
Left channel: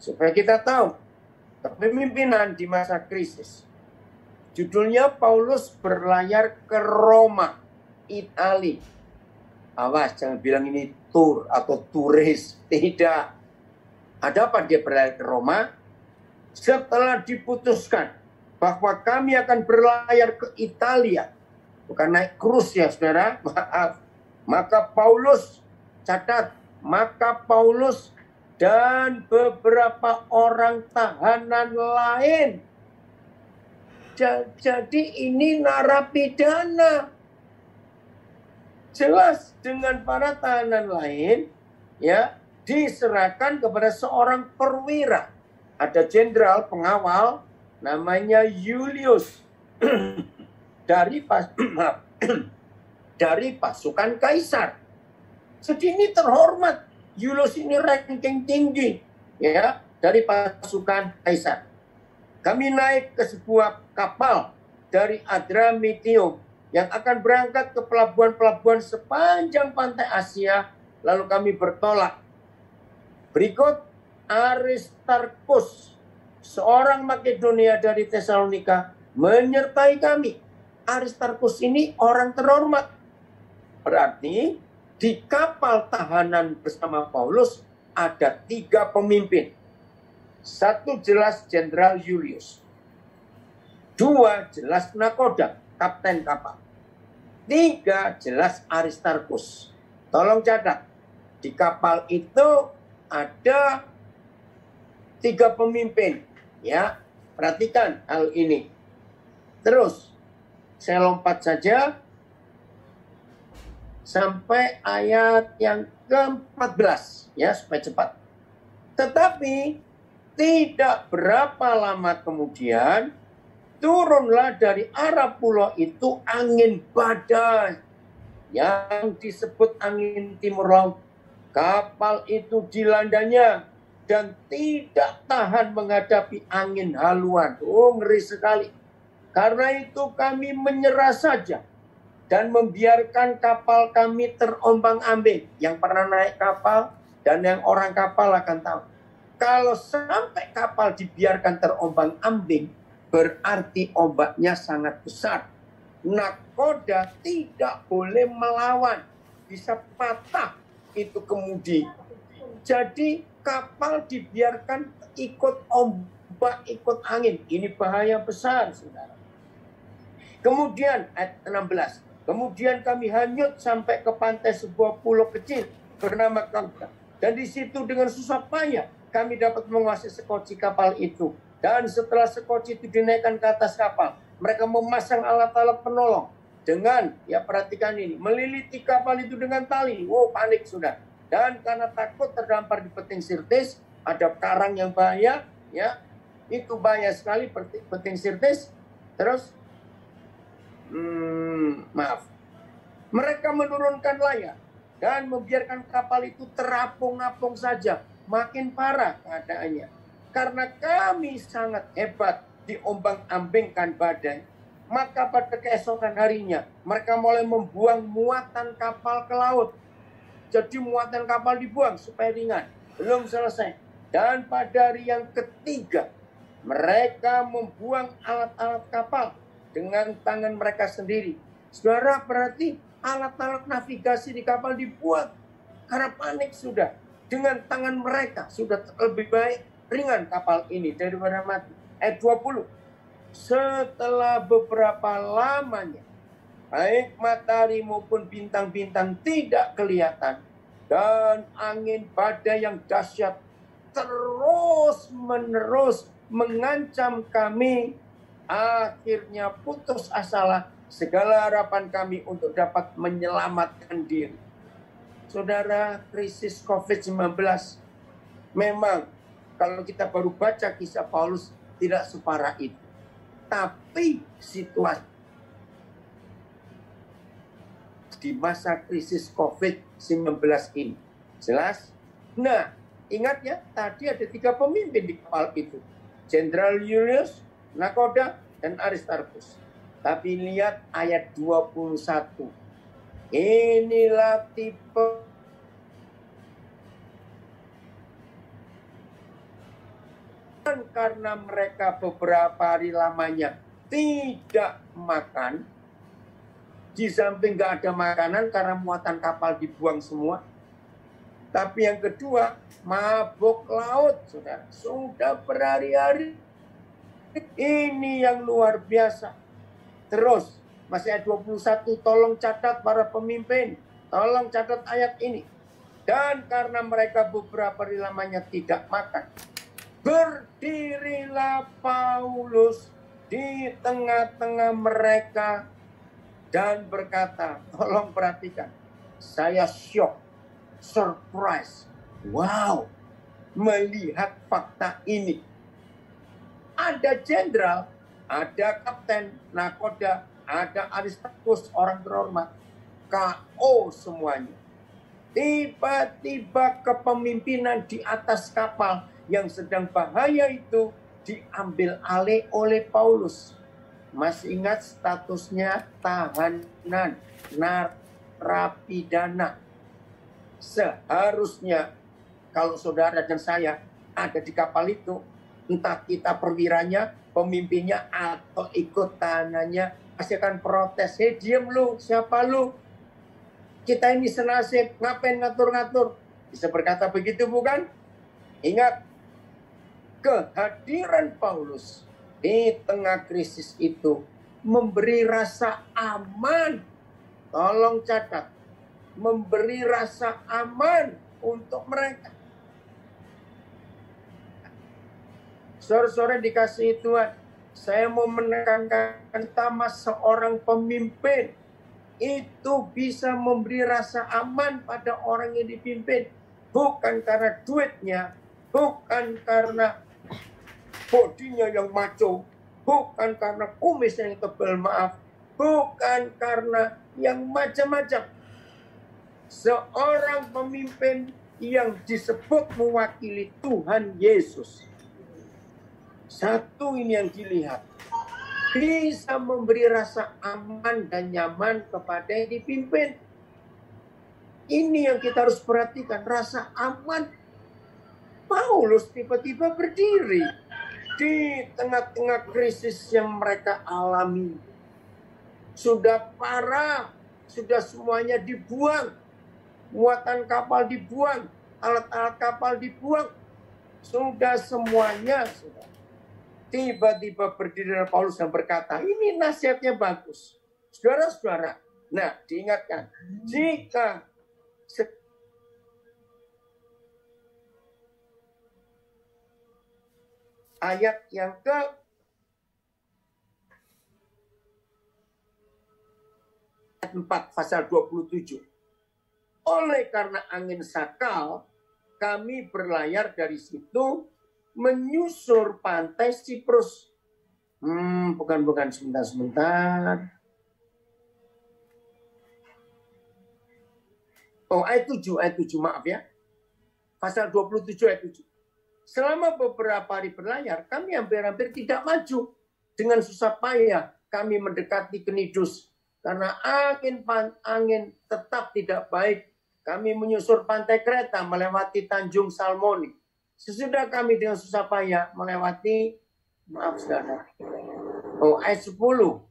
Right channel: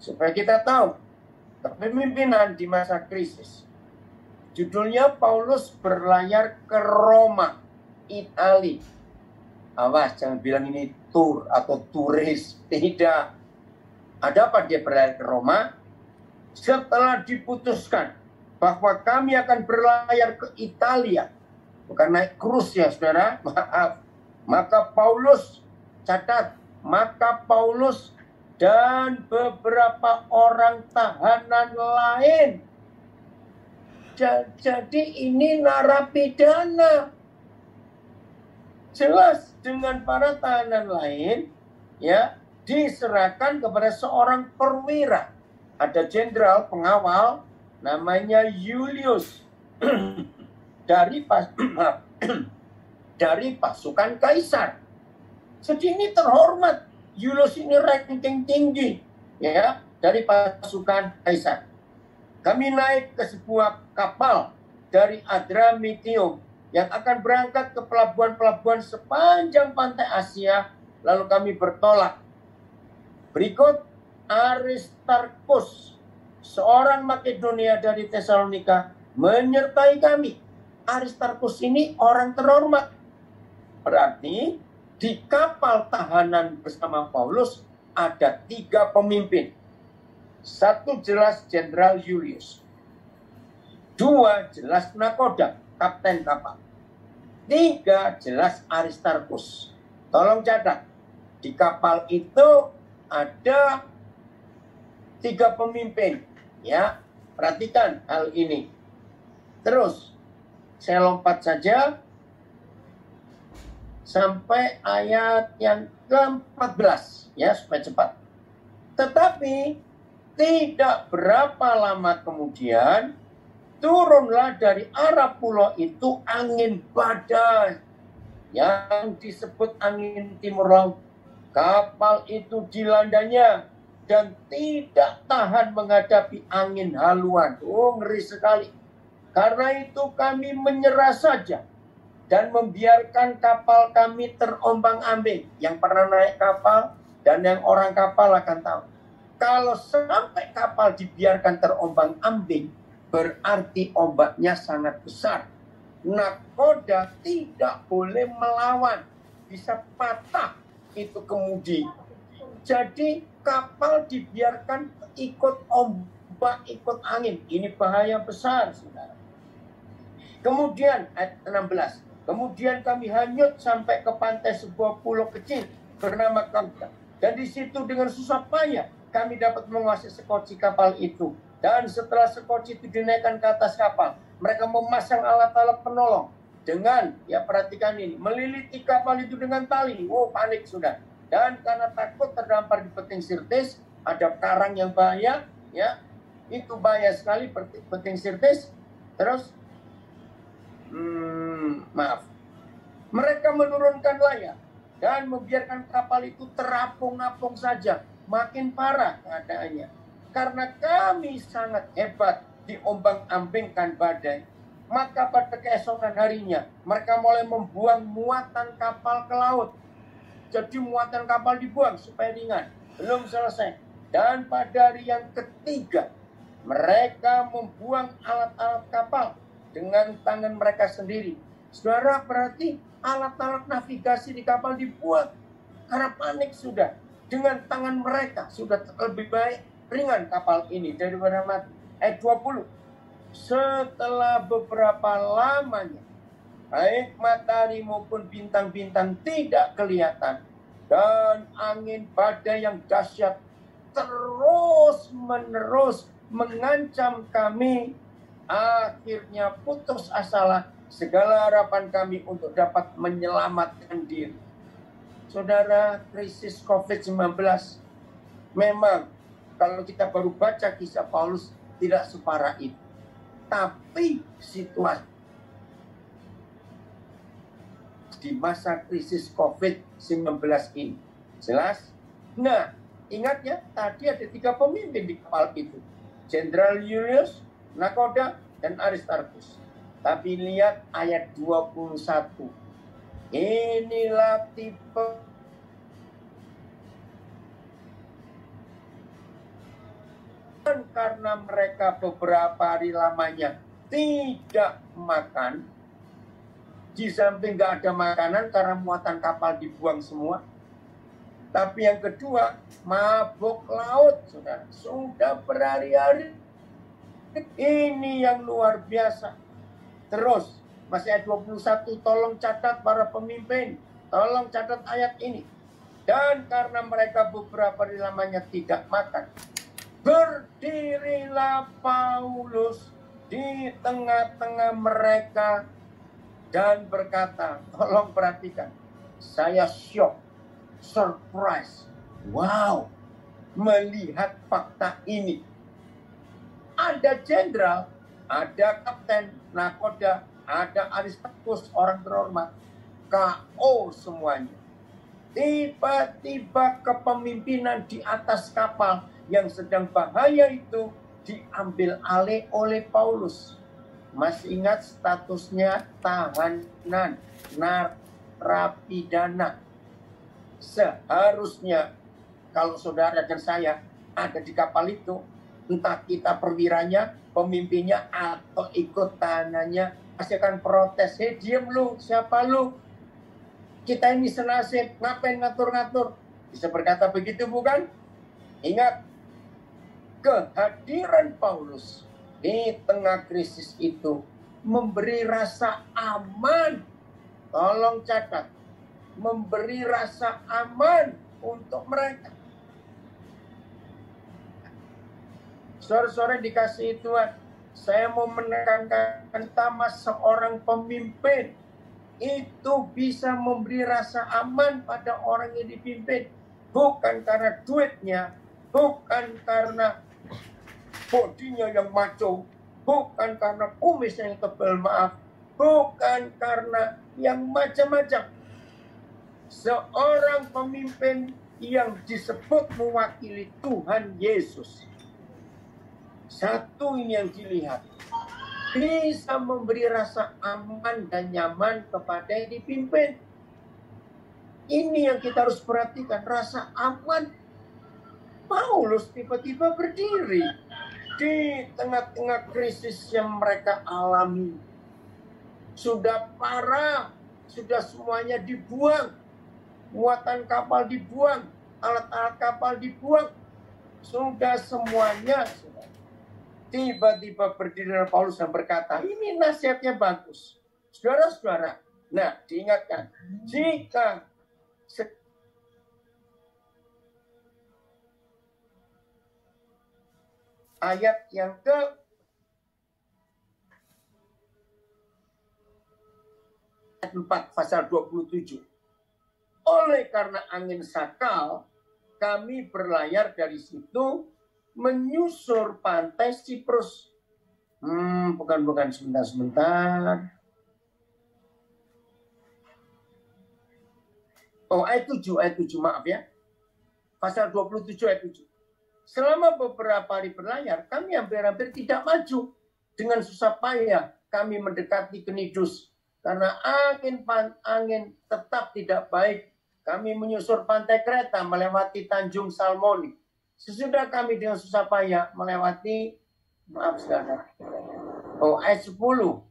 Supaya kita tahu kepemimpinan di masa krisis. Judulnya Paulus berlayar ke Roma, Italia. Awas, jangan bilang ini tur atau turis. Tidak. Ada apa dia berlayar ke Roma? Setelah diputuskan bahwa kami akan berlayar ke Italia. Bukan naik krus ya, saudara. Maaf. Maka Paulus, catat. Maka Paulus dan beberapa orang tahanan lain. Jadi ini narapidana. Jelas dengan para tahanan lain, ya, diserahkan kepada seorang perwira. Ada jenderal pengawal namanya Julius dari pasukan kaisar. Jadi ini terhormat. Julius ini ranking tinggi ya dari pasukan kaisar. Kami naik ke sebuah kapal dari Adramyttium yang akan berangkat ke pelabuhan-pelabuhan sepanjang pantai Asia, lalu kami bertolak. Berikut Aristarkus, seorang Makedonia dari Tesalonika, menyertai kami. Aristarkus ini orang terhormat. Berarti di kapal tahanan bersama Paulus ada 3 pemimpin. 1 jelas Jenderal Julius. 2 jelas nakoda, kapten kapal. 3 jelas Aristarkus. Tolong catat, di kapal itu ada 3 pemimpin. Ya, perhatikan hal ini. Terus, saya lompat saja sampai ayat yang ke-14 ya, supaya cepat. Tetapi tidak berapa lama kemudian turunlah dari arah pulau itu angin badai yang disebut angin timur laut. Kapal itu dilandanya dan tidak tahan menghadapi angin haluan. Oh, ngeri sekali. Karena itu kami menyerah saja dan membiarkan kapal kami terombang-ambing. Yang pernah naik kapal dan yang orang kapal akan tahu. Kalau sampai kapal dibiarkan terombang-ambing, berarti ombaknya sangat besar. Nakoda tidak boleh melawan, bisa patah itu kemudi. Jadi kapal dibiarkan ikut ombak, ikut angin. Ini bahaya besar, saudara. Kemudian ayat 16. Kemudian kami hanyut sampai ke pantai sebuah pulau kecil bernama Kauda. Dan di situ dengan susah payah kami dapat menguasai sekoci kapal itu. Dan setelah sekoci itu dinaikkan ke atas kapal, mereka memasang alat-alat penolong dengan, ya perhatikan ini, meliliti kapal itu dengan tali. Wow, panik sudah. Dan karena takut terdampar di peting Sirtis, ada karang yang bahaya, ya itu bahaya sekali peting Sirtis. Terus, mereka menurunkan layar dan membiarkan kapal itu terapung-apung saja. Makin parah keadaannya. Karena kami sangat hebat diombang-ambingkan badai, maka pada keesokan harinya mereka mulai membuang muatan kapal ke laut. Jadi muatan kapal dibuang supaya ringan. Belum selesai. Dan pada hari yang ketiga, mereka membuang alat-alat kapal dengan tangan mereka sendiri. Saudara, berarti alat-alat navigasi di kapal dibuat karena panik sudah. Dengan tangan mereka sudah lebih baik ringan kapal ini daripada mati. Ayat 20. Setelah beberapa lamanya, baik matahari maupun bintang-bintang tidak kelihatan, dan angin badai yang dahsyat terus-menerus mengancam kami, akhirnya putus asalah segala harapan kami untuk dapat menyelamatkan diri. Saudara, krisis COVID-19 memang kalau kita baru baca kisah Paulus tidak separah itu. Tapi situasi di masa krisis COVID-19 ini jelas. Nah, ingat ya, tadi ada 3 pemimpin di kapal itu. Jenderal Julius, Nakoda, dan Aristarchus. Tapi lihat ayat 21. Inilah tipe karena mereka beberapa hari lamanya tidak makan. Di samping nggak ada makanan karena muatan kapal dibuang semua. Tapi yang kedua, mabuk laut, saudara. Sudah berhari-hari. Ini yang luar biasa. Terus, masih ayat 21, tolong catat para pemimpin. Tolong catat ayat ini. Dan karena mereka beberapa hari lamanya tidak makan, berdirilah Paulus di tengah-tengah mereka dan berkata, tolong perhatikan, saya shock, surprise, wow, melihat fakta ini. Ada jenderal, ada kapten, nakoda, ada Aristarchus, orang terhormat, KO semuanya. Tiba-tiba kepemimpinan di atas kapal yang sedang bahaya itu diambil alih oleh Paulus. Masih ingat statusnya tahanan, narapidana. Seharusnya kalau saudara dan saya ada di kapal itu, entah kita perwiranya, pemimpinnya, atau ikut tahanannya, pasti akan protes. Hei, diem lu, siapa lu? Kita ini senasib, ngapain ngatur-ngatur? Bisa berkata begitu bukan? Ingat, kehadiran Paulus di tengah krisis itu memberi rasa aman. Tolong catat, memberi rasa aman untuk mereka. Saudara-saudara dikasihi Tuhan, saya mau menekankan pertama, seorang pemimpin itu bisa memberi rasa aman pada orang yang dipimpin. Bukan karena duitnya, bukan karena bodinya yang maco, bukan karena kumisnya yang tebal, maaf, bukan karena yang macam-macam. Seorang pemimpin yang disebut mewakili Tuhan Yesus, satu ini yang dilihat, bisa memberi rasa aman dan nyaman kepada yang dipimpin. Ini yang kita harus perhatikan, rasa aman. Paulus tiba-tiba berdiri di tengah-tengah krisis yang mereka alami. Sudah parah, sudah semuanya dibuang, muatan kapal dibuang, alat-alat kapal dibuang, sudah semuanya. Tiba-tiba berdiri Paulus dan berkata, ini nasihatnya bagus. Saudara-saudara, nah diingatkan, jika ayat yang ke 4 pasal 27. Oleh karena angin sakal, kami berlayar dari situ menyusur pantai Siprus. Bukan, sebentar. Oh, ayat 7, maaf ya. Pasal 27 ayat 7. Selama beberapa hari berlayar, kami hampir-hampir tidak maju. Dengan susah payah, kami mendekati Knidus. Karena angin tetap tidak baik, kami menyusur pantai Kreta, melewati Tanjung Salmoni. Sesudah kami dengan susah payah melewati, maaf saudara, ayat 10,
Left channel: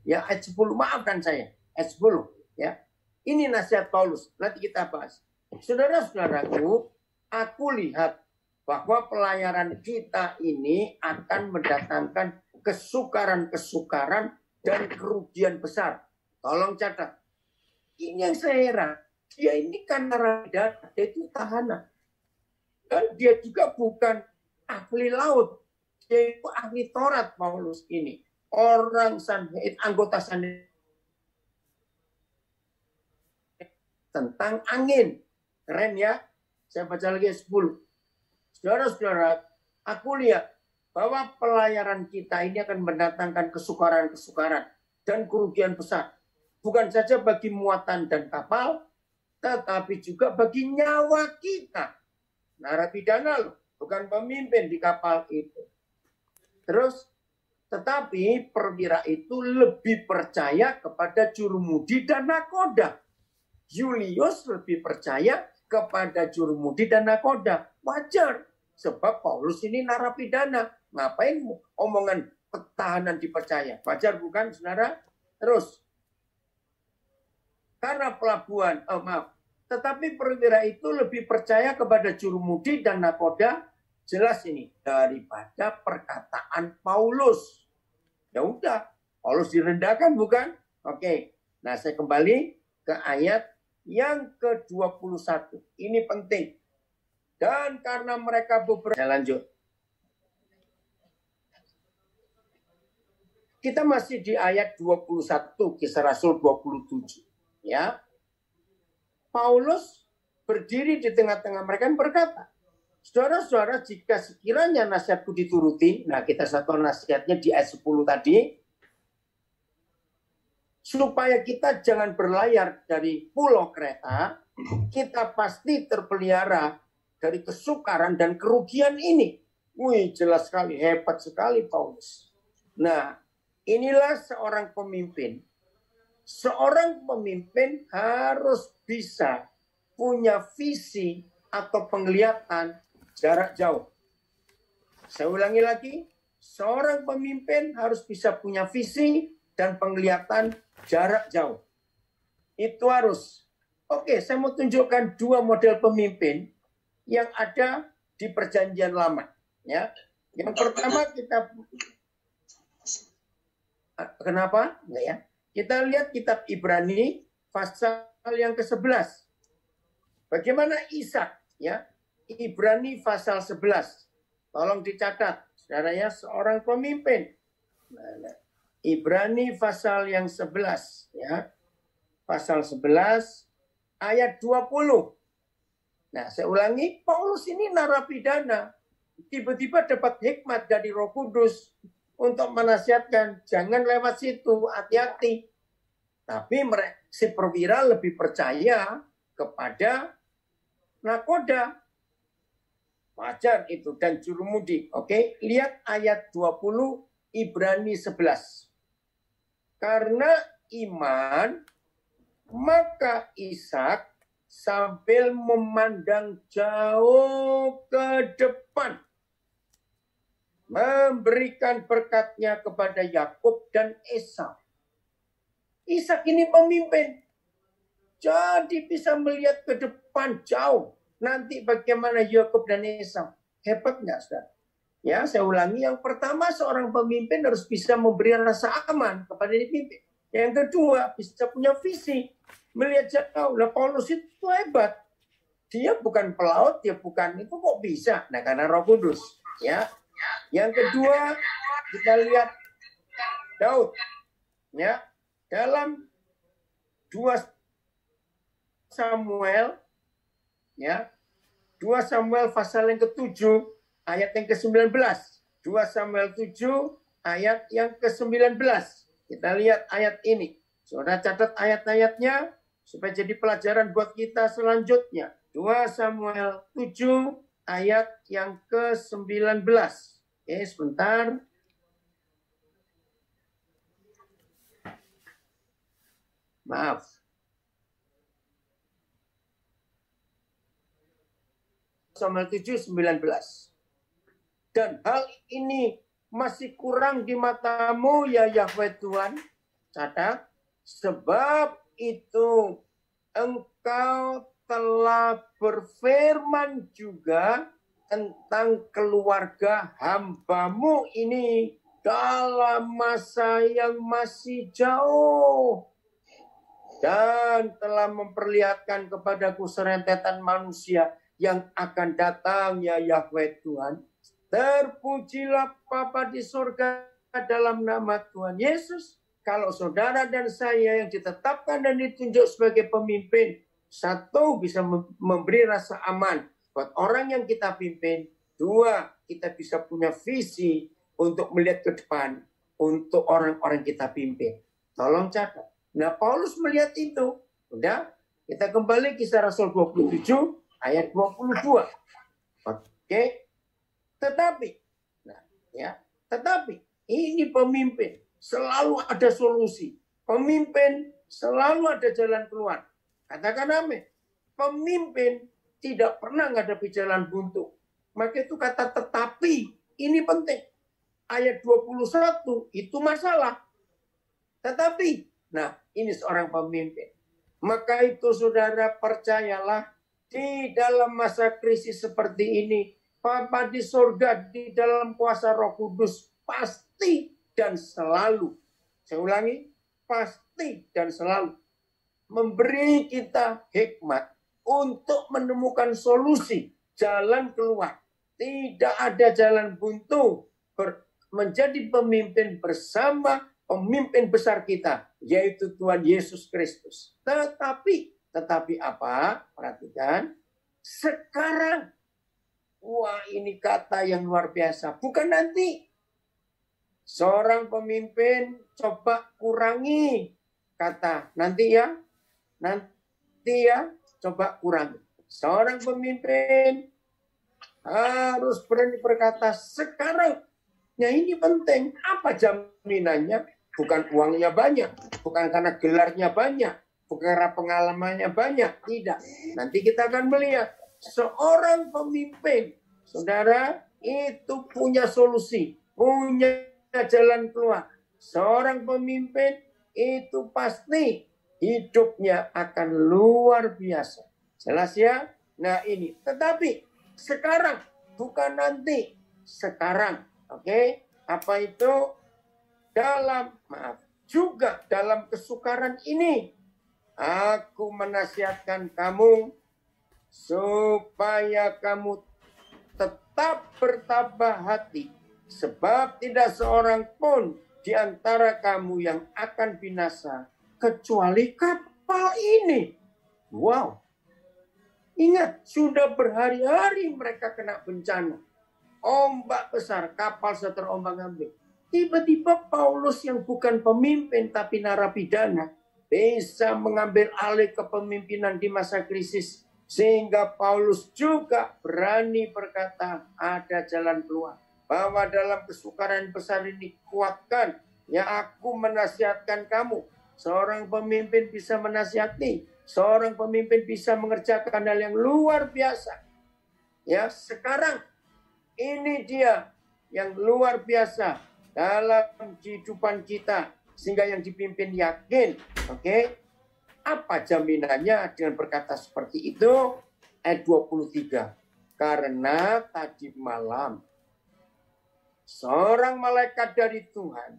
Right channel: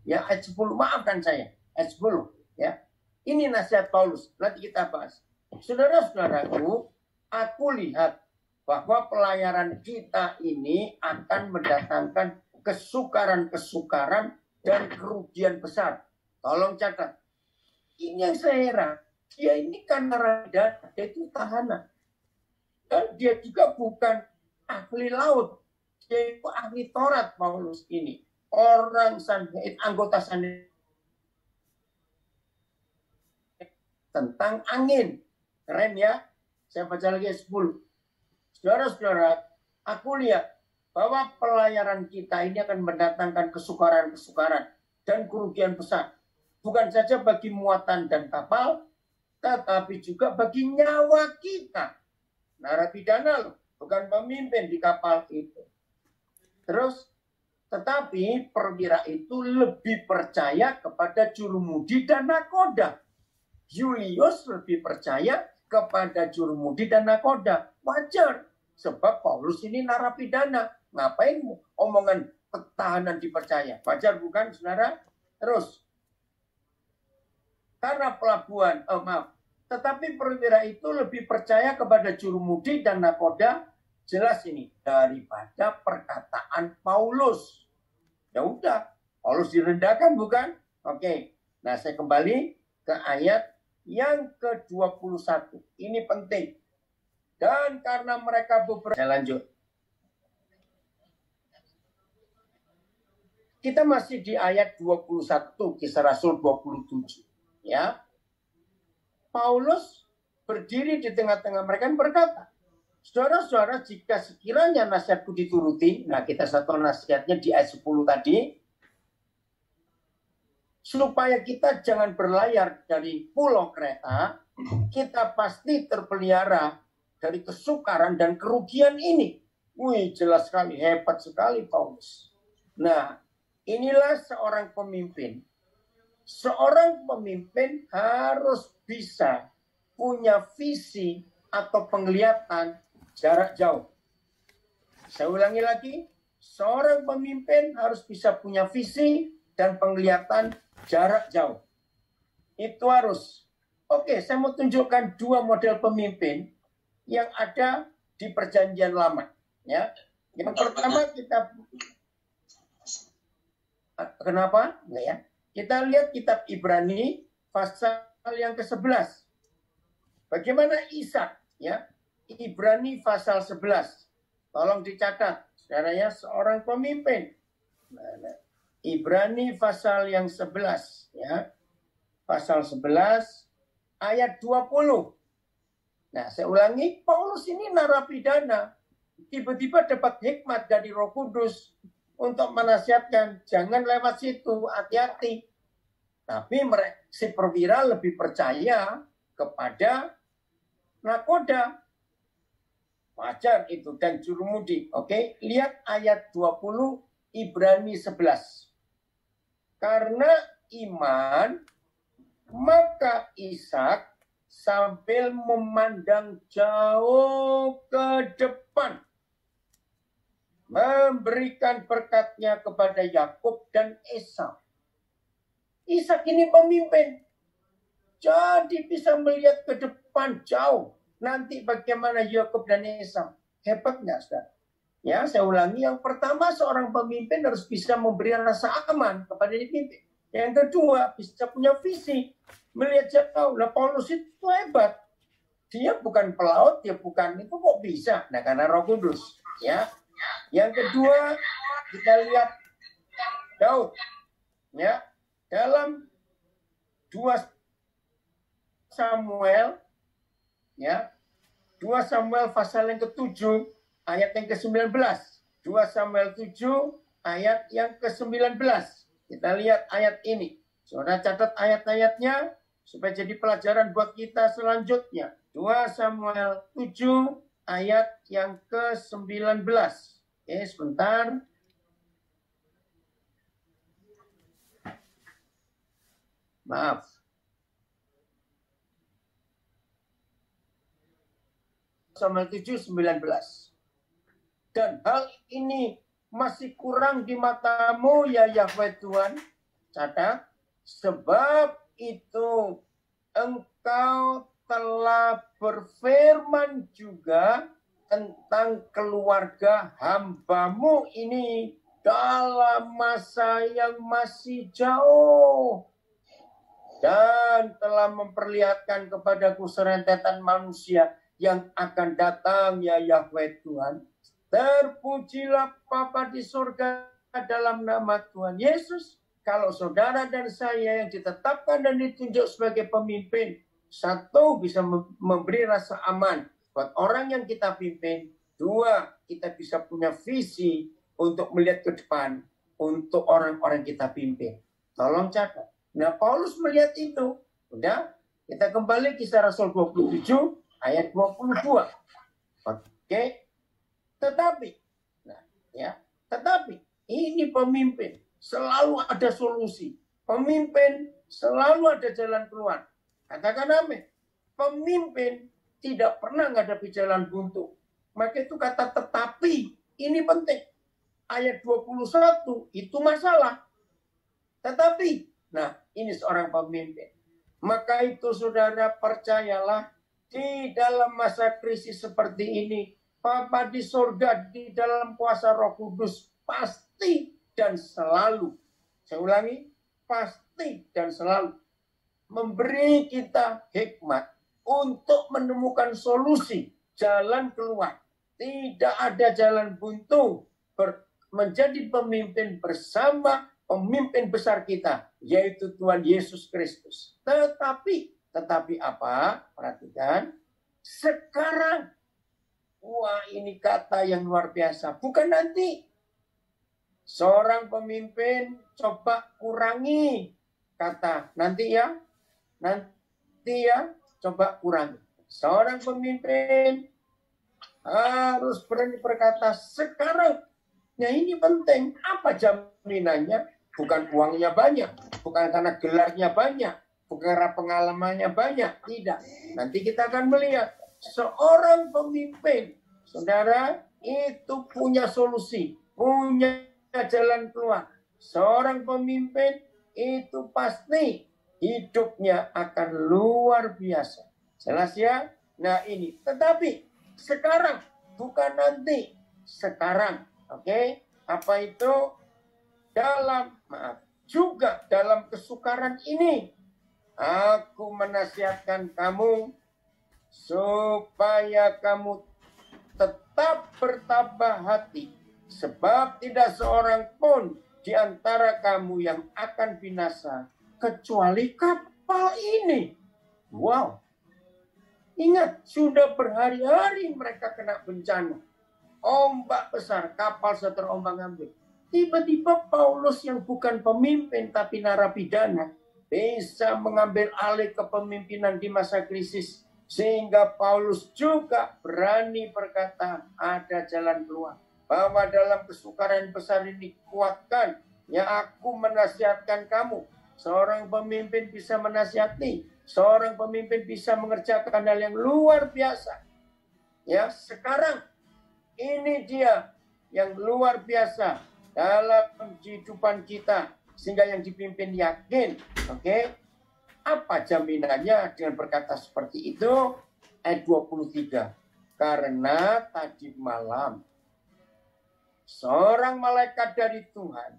ya ayat 10, maafkan saya, ayat 10, ya. Ini nasihat Paulus, nanti kita bahas. Saudara-saudaraku, aku lihat bahwa pelayaran kita ini akan mendatangkan kesukaran-kesukaran dan kerugian besar. Tolong catat. Ini yang saya heran. Dia ini kan narapidana, dia itu tahanan. Dan dia juga bukan ahli laut. Dia itu ahli Taurat, Paulus ini. Orang Sanhedrin, anggota Sanhedrin. Tentang angin. Keren ya. Saya baca lagi 10. Saudara-saudara, aku lihat bahwa pelayaran kita ini akan mendatangkan kesukaran-kesukaran dan kerugian besar. Bukan saja bagi muatan dan kapal, tetapi juga bagi nyawa kita. Narapidana, bukan pemimpin di kapal itu. Terus, tetapi perwira itu lebih percaya kepada jurumudi dan nakoda. Julius lebih percaya kepada jurumudi dan nakoda. Wajar, sebab Paulus ini narapidana. Ngapain omongan tahanan dipercaya? Wajar bukan, saudara? Terus, karena pelabuhan, tetapi perwira itu lebih percaya kepada jurumudi dan nakoda, jelas ini, daripada perkataan Paulus. Ya udah, Paulus direndahkan bukan? Oke, nah saya kembali ke ayat yang ke-21. Ini penting. Dan karena mereka beberapa... Saya lanjut. Kita masih di ayat 21, Kisah Rasul 27. Ya, Paulus berdiri di tengah-tengah mereka dan berkata, saudara-saudara, jika sekiranya nasihatku dituruti, nah kita satu nasihatnya di ayat 10 tadi, supaya kita jangan berlayar dari pulau Kreta, kita pasti terpelihara dari kesukaran dan kerugian ini. Wih, jelas sekali, hebat sekali Paulus. Nah, inilah seorang pemimpin. Seorang pemimpin harus bisa punya visi atau penglihatan jarak jauh. Saya ulangi lagi, seorang pemimpin harus bisa punya visi dan penglihatan jarak jauh. Itu harus. Oke, saya mau tunjukkan 2 model pemimpin yang ada di Perjanjian Lama. Ya, yang pertama kita, kenapa? Enggak ya? Kita lihat kitab Ibrani pasal yang ke-11. Bagaimana Ishak, ya? Ibrani pasal 11. Tolong dicatat, Saudara ya, seorang pemimpin. Nah, Ibrani pasal yang 11 ya. Pasal 11 ayat 20. Nah, saya ulangi, Paulus ini narapidana. Tiba-tiba dapat hikmat dari Roh Kudus untuk menasihatkan, jangan lewat situ, hati-hati. Tapi si perwira lebih percaya kepada nakoda. Wajar itu, dan jurumudi. Oke, lihat ayat 20 Ibrani 11. Karena iman, maka Ishak sambil memandang jauh ke depan memberikan berkatnya kepada Yakub dan Esau. Ishak ini pemimpin. Jadi bisa melihat ke depan jauh. Nanti bagaimana Yakub dan Esau. Hebat nggak, saudara? Ya, saya ulangi. Yang pertama, seorang pemimpin harus bisa memberi rasa aman kepada dipimpin. Yang kedua, bisa punya visi. Melihat jauh. Nah, Paulus itu hebat. Dia bukan pelaut, dia bukan itu kok bisa. Nah, karena Roh Kudus. Ya. Yang kedua, kita lihat Daud. Ya. Dalam 2 Samuel, ya, 2 Samuel pasal yang ke-7 ayat yang ke-19. 2 Samuel 7 ayat yang ke-19. Kita lihat ayat ini. Saudara catat ayat-ayatnya supaya jadi pelajaran buat kita selanjutnya. 2 Samuel 7 ayat yang ke-19. Oke, sebentar. Maaf. Samuel 7:19. Dan hal ini masih kurang di matamu ya Yahweh Tuhan. Catat, sebab itu engkau telah berfirman juga tentang keluarga hambamu ini dalam masa yang masih jauh. Dan telah memperlihatkan kepadaku serentetan manusia yang akan datang ya Yahweh Tuhan. Terpujilah Bapa di surga dalam nama Tuhan Yesus. Kalau saudara dan saya yang ditetapkan dan ditunjuk sebagai pemimpin, satu, bisa memberi rasa aman buat orang yang kita pimpin. Dua, kita bisa punya visi untuk melihat ke depan untuk orang-orang kita pimpin. Tolong catat. Nah, Paulus melihat itu. Udah, kita kembali kisah Rasul 27 ayat 22. Oke. Tetapi, nah, ya, tetapi ini pemimpin selalu ada solusi. Pemimpin selalu ada jalan keluar. Katakan amin. Pemimpin tidak pernah menghadapi jalan buntu. Maka itu kata tetapi, ini penting. Ayat 21 itu masalah. Tetapi, nah, ini seorang pemimpin. Maka itu saudara percayalah, di dalam masa krisis seperti ini, Bapa di surga di dalam kuasa Roh Kudus pasti dan selalu, saya ulangi, pasti dan selalu memberi kita hikmat untuk menemukan solusi, jalan keluar. Tidak ada jalan buntu menjadi pemimpin bersama pemimpin besar kita, yaitu Tuhan Yesus Kristus. Tetapi apa? Perhatikan. Sekarang, wah ini kata yang luar biasa. Bukan nanti. Seorang pemimpin coba kurangi kata nanti ya. Nanti ya, coba kurangi. Seorang pemimpin harus berani berkata sekarang. Nah ini penting. Apa jaminannya? Bukan uangnya banyak. Bukan karena gelarnya banyak. Bukan karena pengalamannya banyak. Tidak. Nanti kita akan melihat. Seorang pemimpin, saudara, itu punya solusi. Punya jalan keluar. Seorang pemimpin itu pasti hidupnya akan luar biasa. Jelas ya? Nah ini. Tetapi sekarang. Bukan nanti. Sekarang. Oke? Apa itu? Juga dalam kesukaran ini, aku menasihatkan kamu supaya kamu tetap bertabah hati Sebab tidak seorang pun di antara kamu yang akan binasa kecuali kapal ini. Wow. Ingat, sudah berhari-hari mereka kena bencana. Ombak besar, kapal terombang-ambing. Tiba-tiba Paulus yang bukan pemimpin tapi narapidana bisa mengambil alih kepemimpinan di masa krisis. Sehingga Paulus juga berani berkata, ada jalan keluar. Bahwa dalam kesukaran besar ini kuatkan, ya aku menasihatkan kamu. Seorang pemimpin bisa menasihati, seorang pemimpin bisa mengerjakan hal yang luar biasa. Ya, sekarang ini dia yang luar biasa dalam kehidupan kita, sehingga yang dipimpin yakin. Oke? Apa jaminannya dengan berkata seperti itu? Ayat 23. Karena tadi malam seorang malaikat dari Tuhan,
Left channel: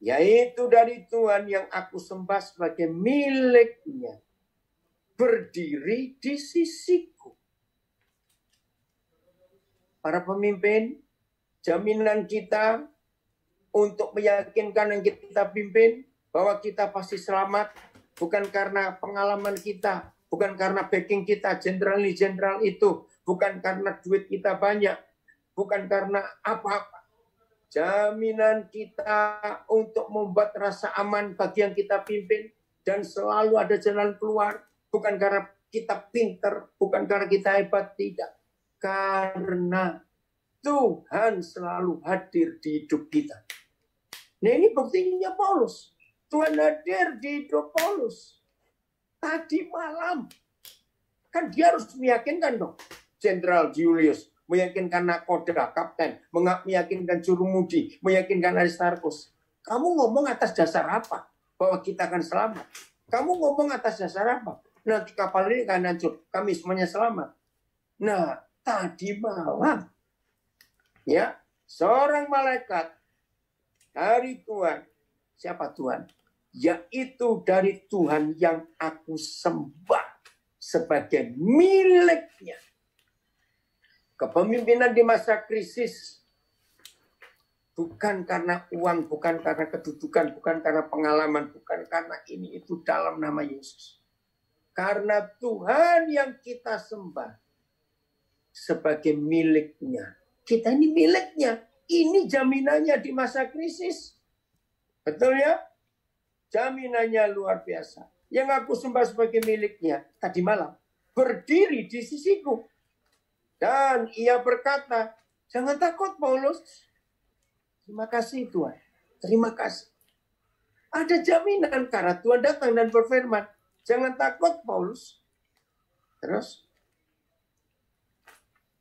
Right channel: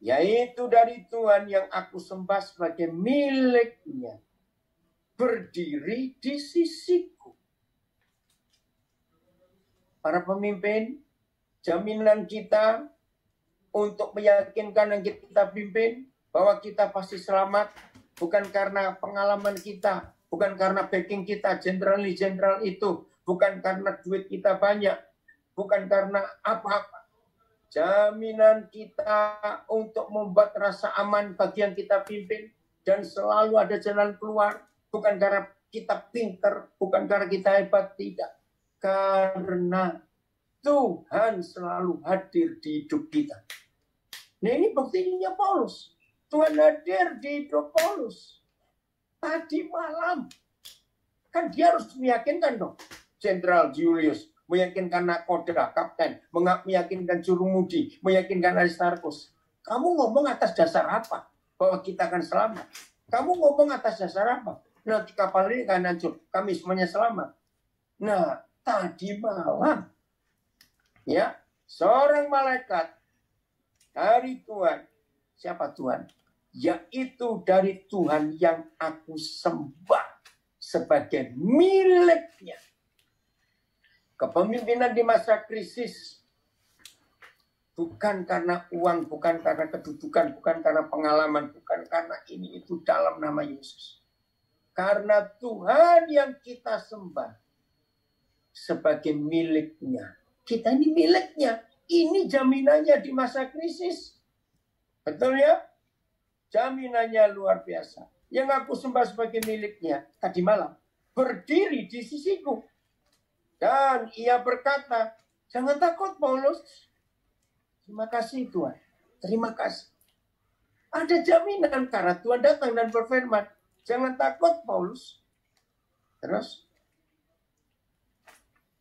yaitu dari Tuhan yang aku sembah sebagai miliknya, berdiri di sisiku. Para pemimpin, jaminan kita untuk meyakinkan yang kita pimpin bahwa kita pasti selamat, bukan karena pengalaman kita, bukan karena backing kita, jenderal itu, bukan karena duit kita banyak, bukan karena apa-apa. Jaminan kita untuk membuat rasa aman bagi yang kita pimpin dan selalu ada jalan keluar, bukan karena kita pinter, bukan karena kita hebat, tidak. Karena Tuhan selalu hadir di hidup kita. Nah, ini buktinya Paulus. Tuhan hadir di hidup Paulus. Tadi malam. Kan dia harus meyakinkan dong. Jenderal Julius, meyakinkan nakoda, kapten, meyakinkan jurumudi, meyakinkan Aristarchus. Kamu ngomong atas dasar apa? Bahwa kita akan selamat. Kamu ngomong atas dasar apa? Nanti kapal ini akan hancur. Kami semuanya selamat. Nah, tadi malam, ya, seorang malaikat dari Tuhan. Siapa Tuhan? Yaitu dari Tuhan yang aku sembah sebagai miliknya. Kepemimpinan di masa krisis bukan karena uang, bukan karena kedudukan, bukan karena pengalaman, bukan karena ini itu dalam nama Yesus. Karena Tuhan yang kita sembah sebagai miliknya. Kita ini miliknya. Ini jaminannya di masa krisis. Betul ya? Jaminannya luar biasa. Yang aku sembah sebagai miliknya tadi malam berdiri di sisiku. Dan ia berkata, jangan takut Paulus. Terima kasih Tuhan. Terima kasih. Ada jaminan karena Tuhan datang dan berfirman. Jangan takut Paulus. Terus,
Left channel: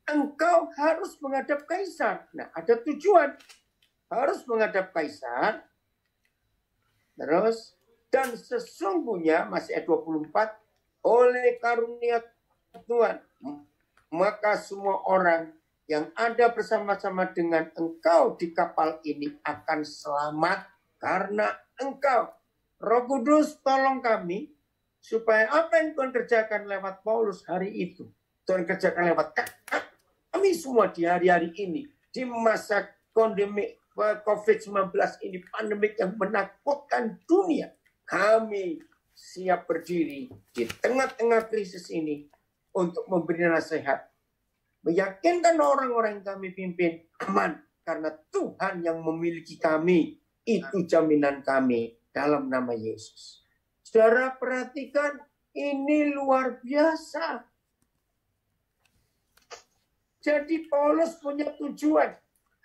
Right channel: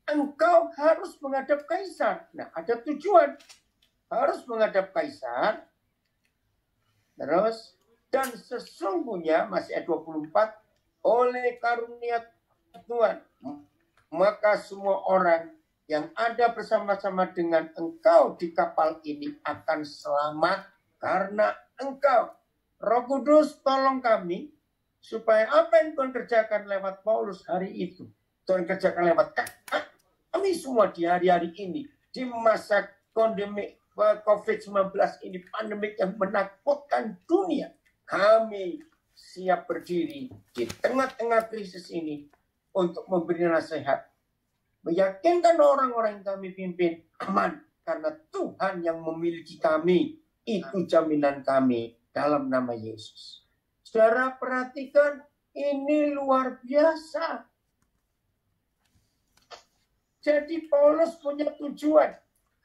engkau harus menghadap kaisar. Nah, ada tujuan. Harus menghadap kaisar. Terus, dan sesungguhnya, masih ayat 24, oleh karunia Tuhan, maka semua orang yang ada bersama-sama dengan engkau di kapal ini akan selamat karena engkau. Roh Kudus tolong kami, supaya apa yang Tuhan kerjakan lewat Paulus hari itu, Tuhan kerjakan lewat kami semua di hari-hari ini, di masa pandemi COVID-19 ini, pandemik yang menakutkan dunia. Kami siap berdiri di tengah-tengah krisis ini untuk memberi nasihat. Meyakinkan orang-orang yang kami pimpin aman. Karena Tuhan yang memiliki kami. Itu jaminan kami dalam nama Yesus. Saudara perhatikan, ini luar biasa. Jadi Paulus punya tujuan.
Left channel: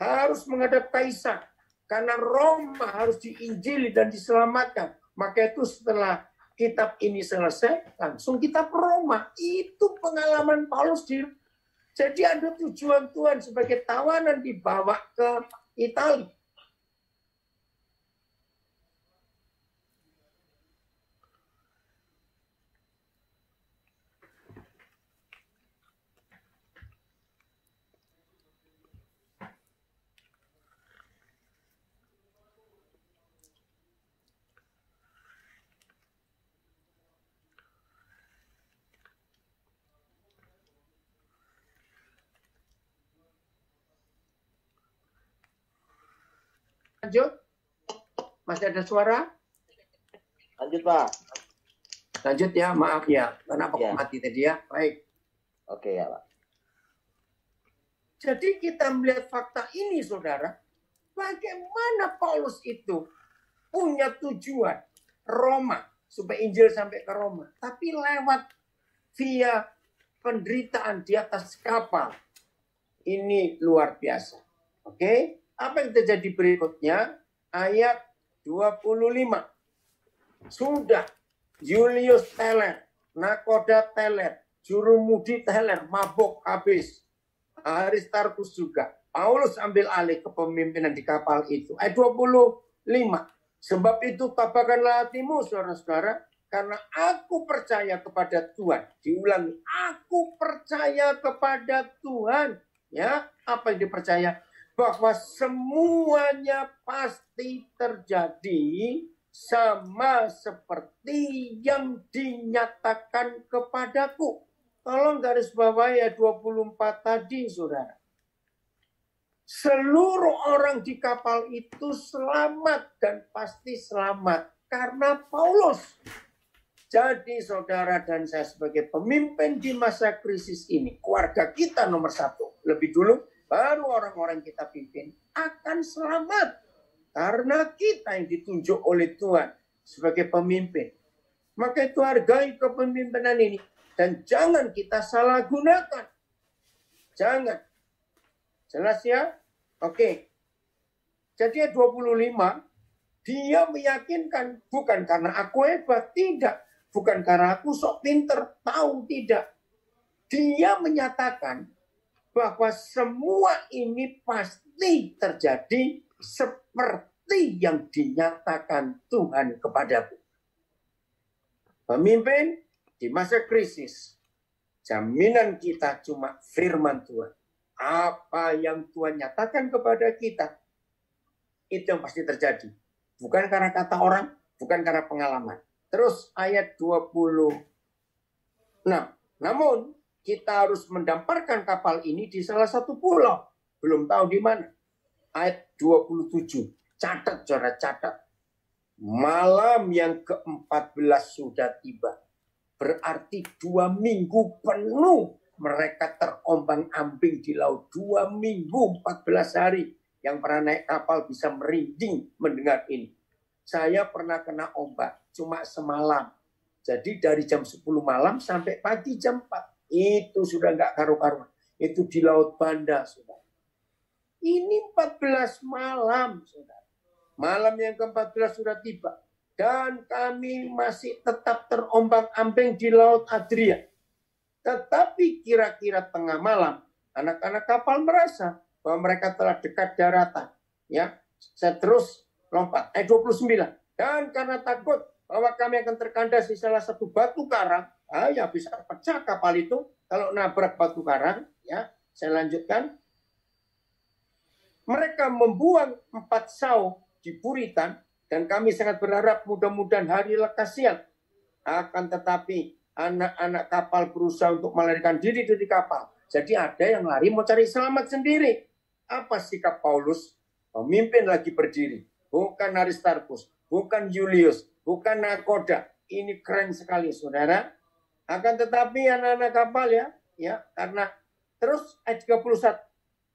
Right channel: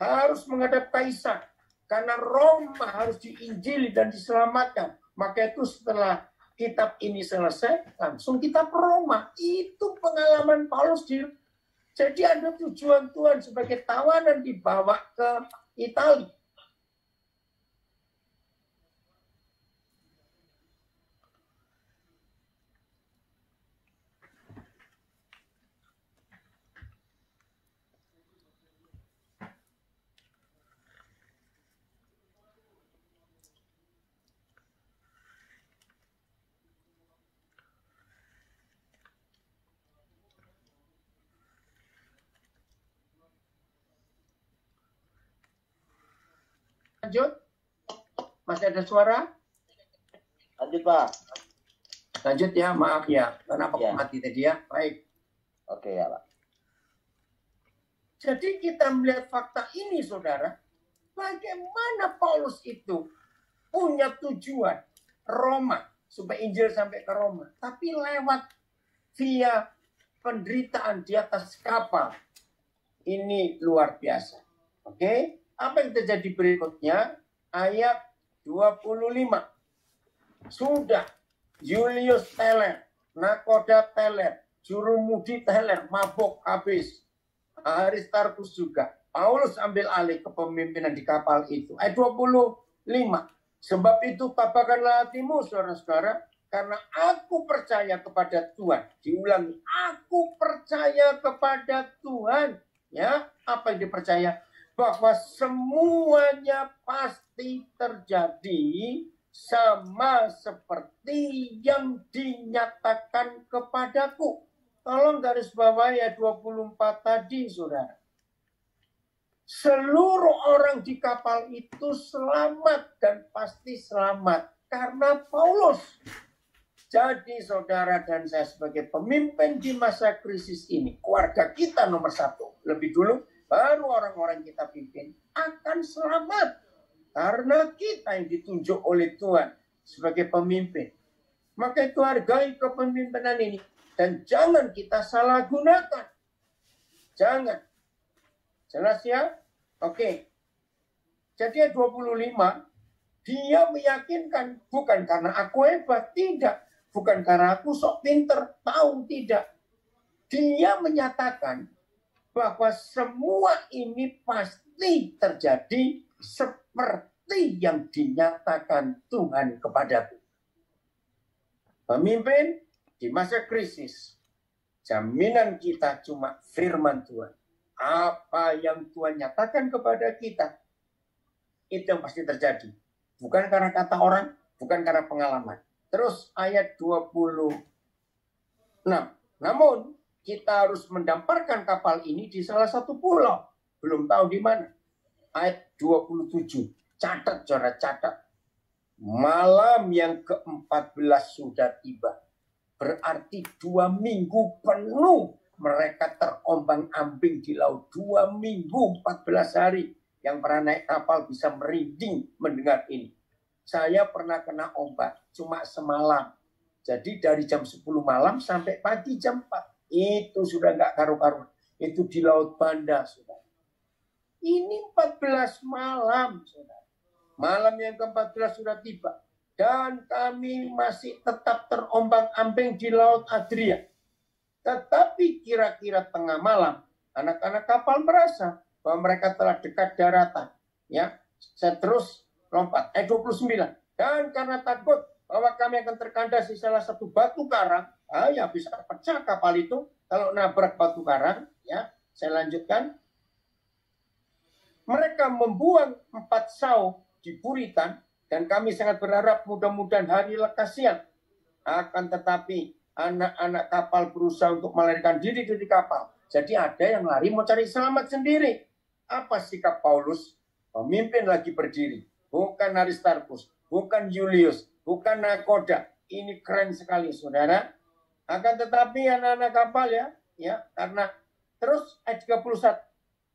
Harus menghadap kaisar. Karena Roma harus diinjili dan diselamatkan. Maka itu setelah kitab ini selesai, langsung kitab Roma. Itu pengalaman Paulus. Jadi ada tujuan Tuhan sebagai tawanan dibawa ke Italia. lanjut? Masih ada suara? Lanjut, Pak. Lanjut ya, maaf ya. Kenapa Ya. mati tadi ya? Baik. Oke ya, Pak. Jadi kita melihat fakta ini, saudara. Bagaimana Paulus itu punya tujuan Roma, supaya Injil sampai ke Roma. Tapi lewat via penderitaan di atas kapal. Ini luar biasa. Oke, apa yang terjadi berikutnya? Ayat 25. Sudah Julius teler, nakoda teler, jurumudi teler, mabuk habis. Aristarchus juga. Paulus ambil alih kepemimpinan di kapal itu. Ayat 25. Sebab itu tabahkanlah hatimu, saudara-saudara, karena aku percaya kepada Tuhan. Diulangi, aku percaya kepada Tuhan. Ya, apa yang dipercaya? Bahwa semuanya pasti terjadi sama seperti yang dinyatakan kepadaku. Tolong garis bawah ya 24 tadi, saudara. Seluruh orang di kapal itu selamat dan pasti selamat karena Paulus. Jadi saudara dan saya sebagai pemimpin di masa krisis ini, keluarga kita nomor satu. Lebih dulu, baru orang-orang kita pimpin akan selamat. Karena kita yang ditunjuk oleh Tuhan sebagai pemimpin. Maka itu hargai kepemimpinan ini. Dan jangan kita salah gunakan. Jangan. Jelas ya? Oke. Jadi 25, dia meyakinkan bukan karena aku hebat, tidak. Bukan karena aku sok pinter, tahu, tidak. Dia menyatakan bahwa semua ini pasti terjadi seperti yang dinyatakan Tuhan kepadaku. Pemimpin di masa krisis, jaminan kita cuma firman Tuhan. Apa yang Tuhan nyatakan kepada kita, itu yang pasti terjadi. Bukan karena kata orang, bukan karena pengalaman. Terus ayat 26. Namun, kita harus mendamparkan kapal ini di salah satu pulau. Belum tahu di mana. Ayat 27. Catat, saudara, catat. Malam yang ke-14 sudah tiba. Berarti 2 minggu penuh mereka terombang-ambing di laut. 2 minggu, 14 hari. Yang pernah naik kapal bisa merinding mendengar ini. Saya pernah kena ombak, cuma semalam. Jadi dari jam 10 malam sampai pagi jam 4. Itu sudah nggak karu-karu. Itu di Laut Banda, saudara. Ini 14 malam, saudara. Malam yang ke-14 sudah tiba. Dan kami masih tetap terombang-ambing di Laut Adria. Tetapi kira-kira tengah malam, anak-anak kapal merasa bahwa mereka telah dekat daratan. Ya, saya terus lompat. Ayat 29. Dan karena takut bahwa kami akan terkandas di salah satu batu karang, ya bisa pecah kapal itu kalau nabrak batu karang. Ya, saya lanjutkan. Mereka membuang 4 sau di Puritan, dan kami sangat berharap mudah-mudahan hari lekas siang. Akan tetapi anak-anak kapal berusaha untuk melarikan diri dari kapal. Jadi ada yang lari mau cari selamat sendiri. Apa sikap Paulus? Pemimpin lagi berdiri. Bukan Aristarchus, bukan Julius, bukan nakoda. Ini keren sekali, saudara. Akan tetapi anak-anak kapal ya, karena terus ayat 31.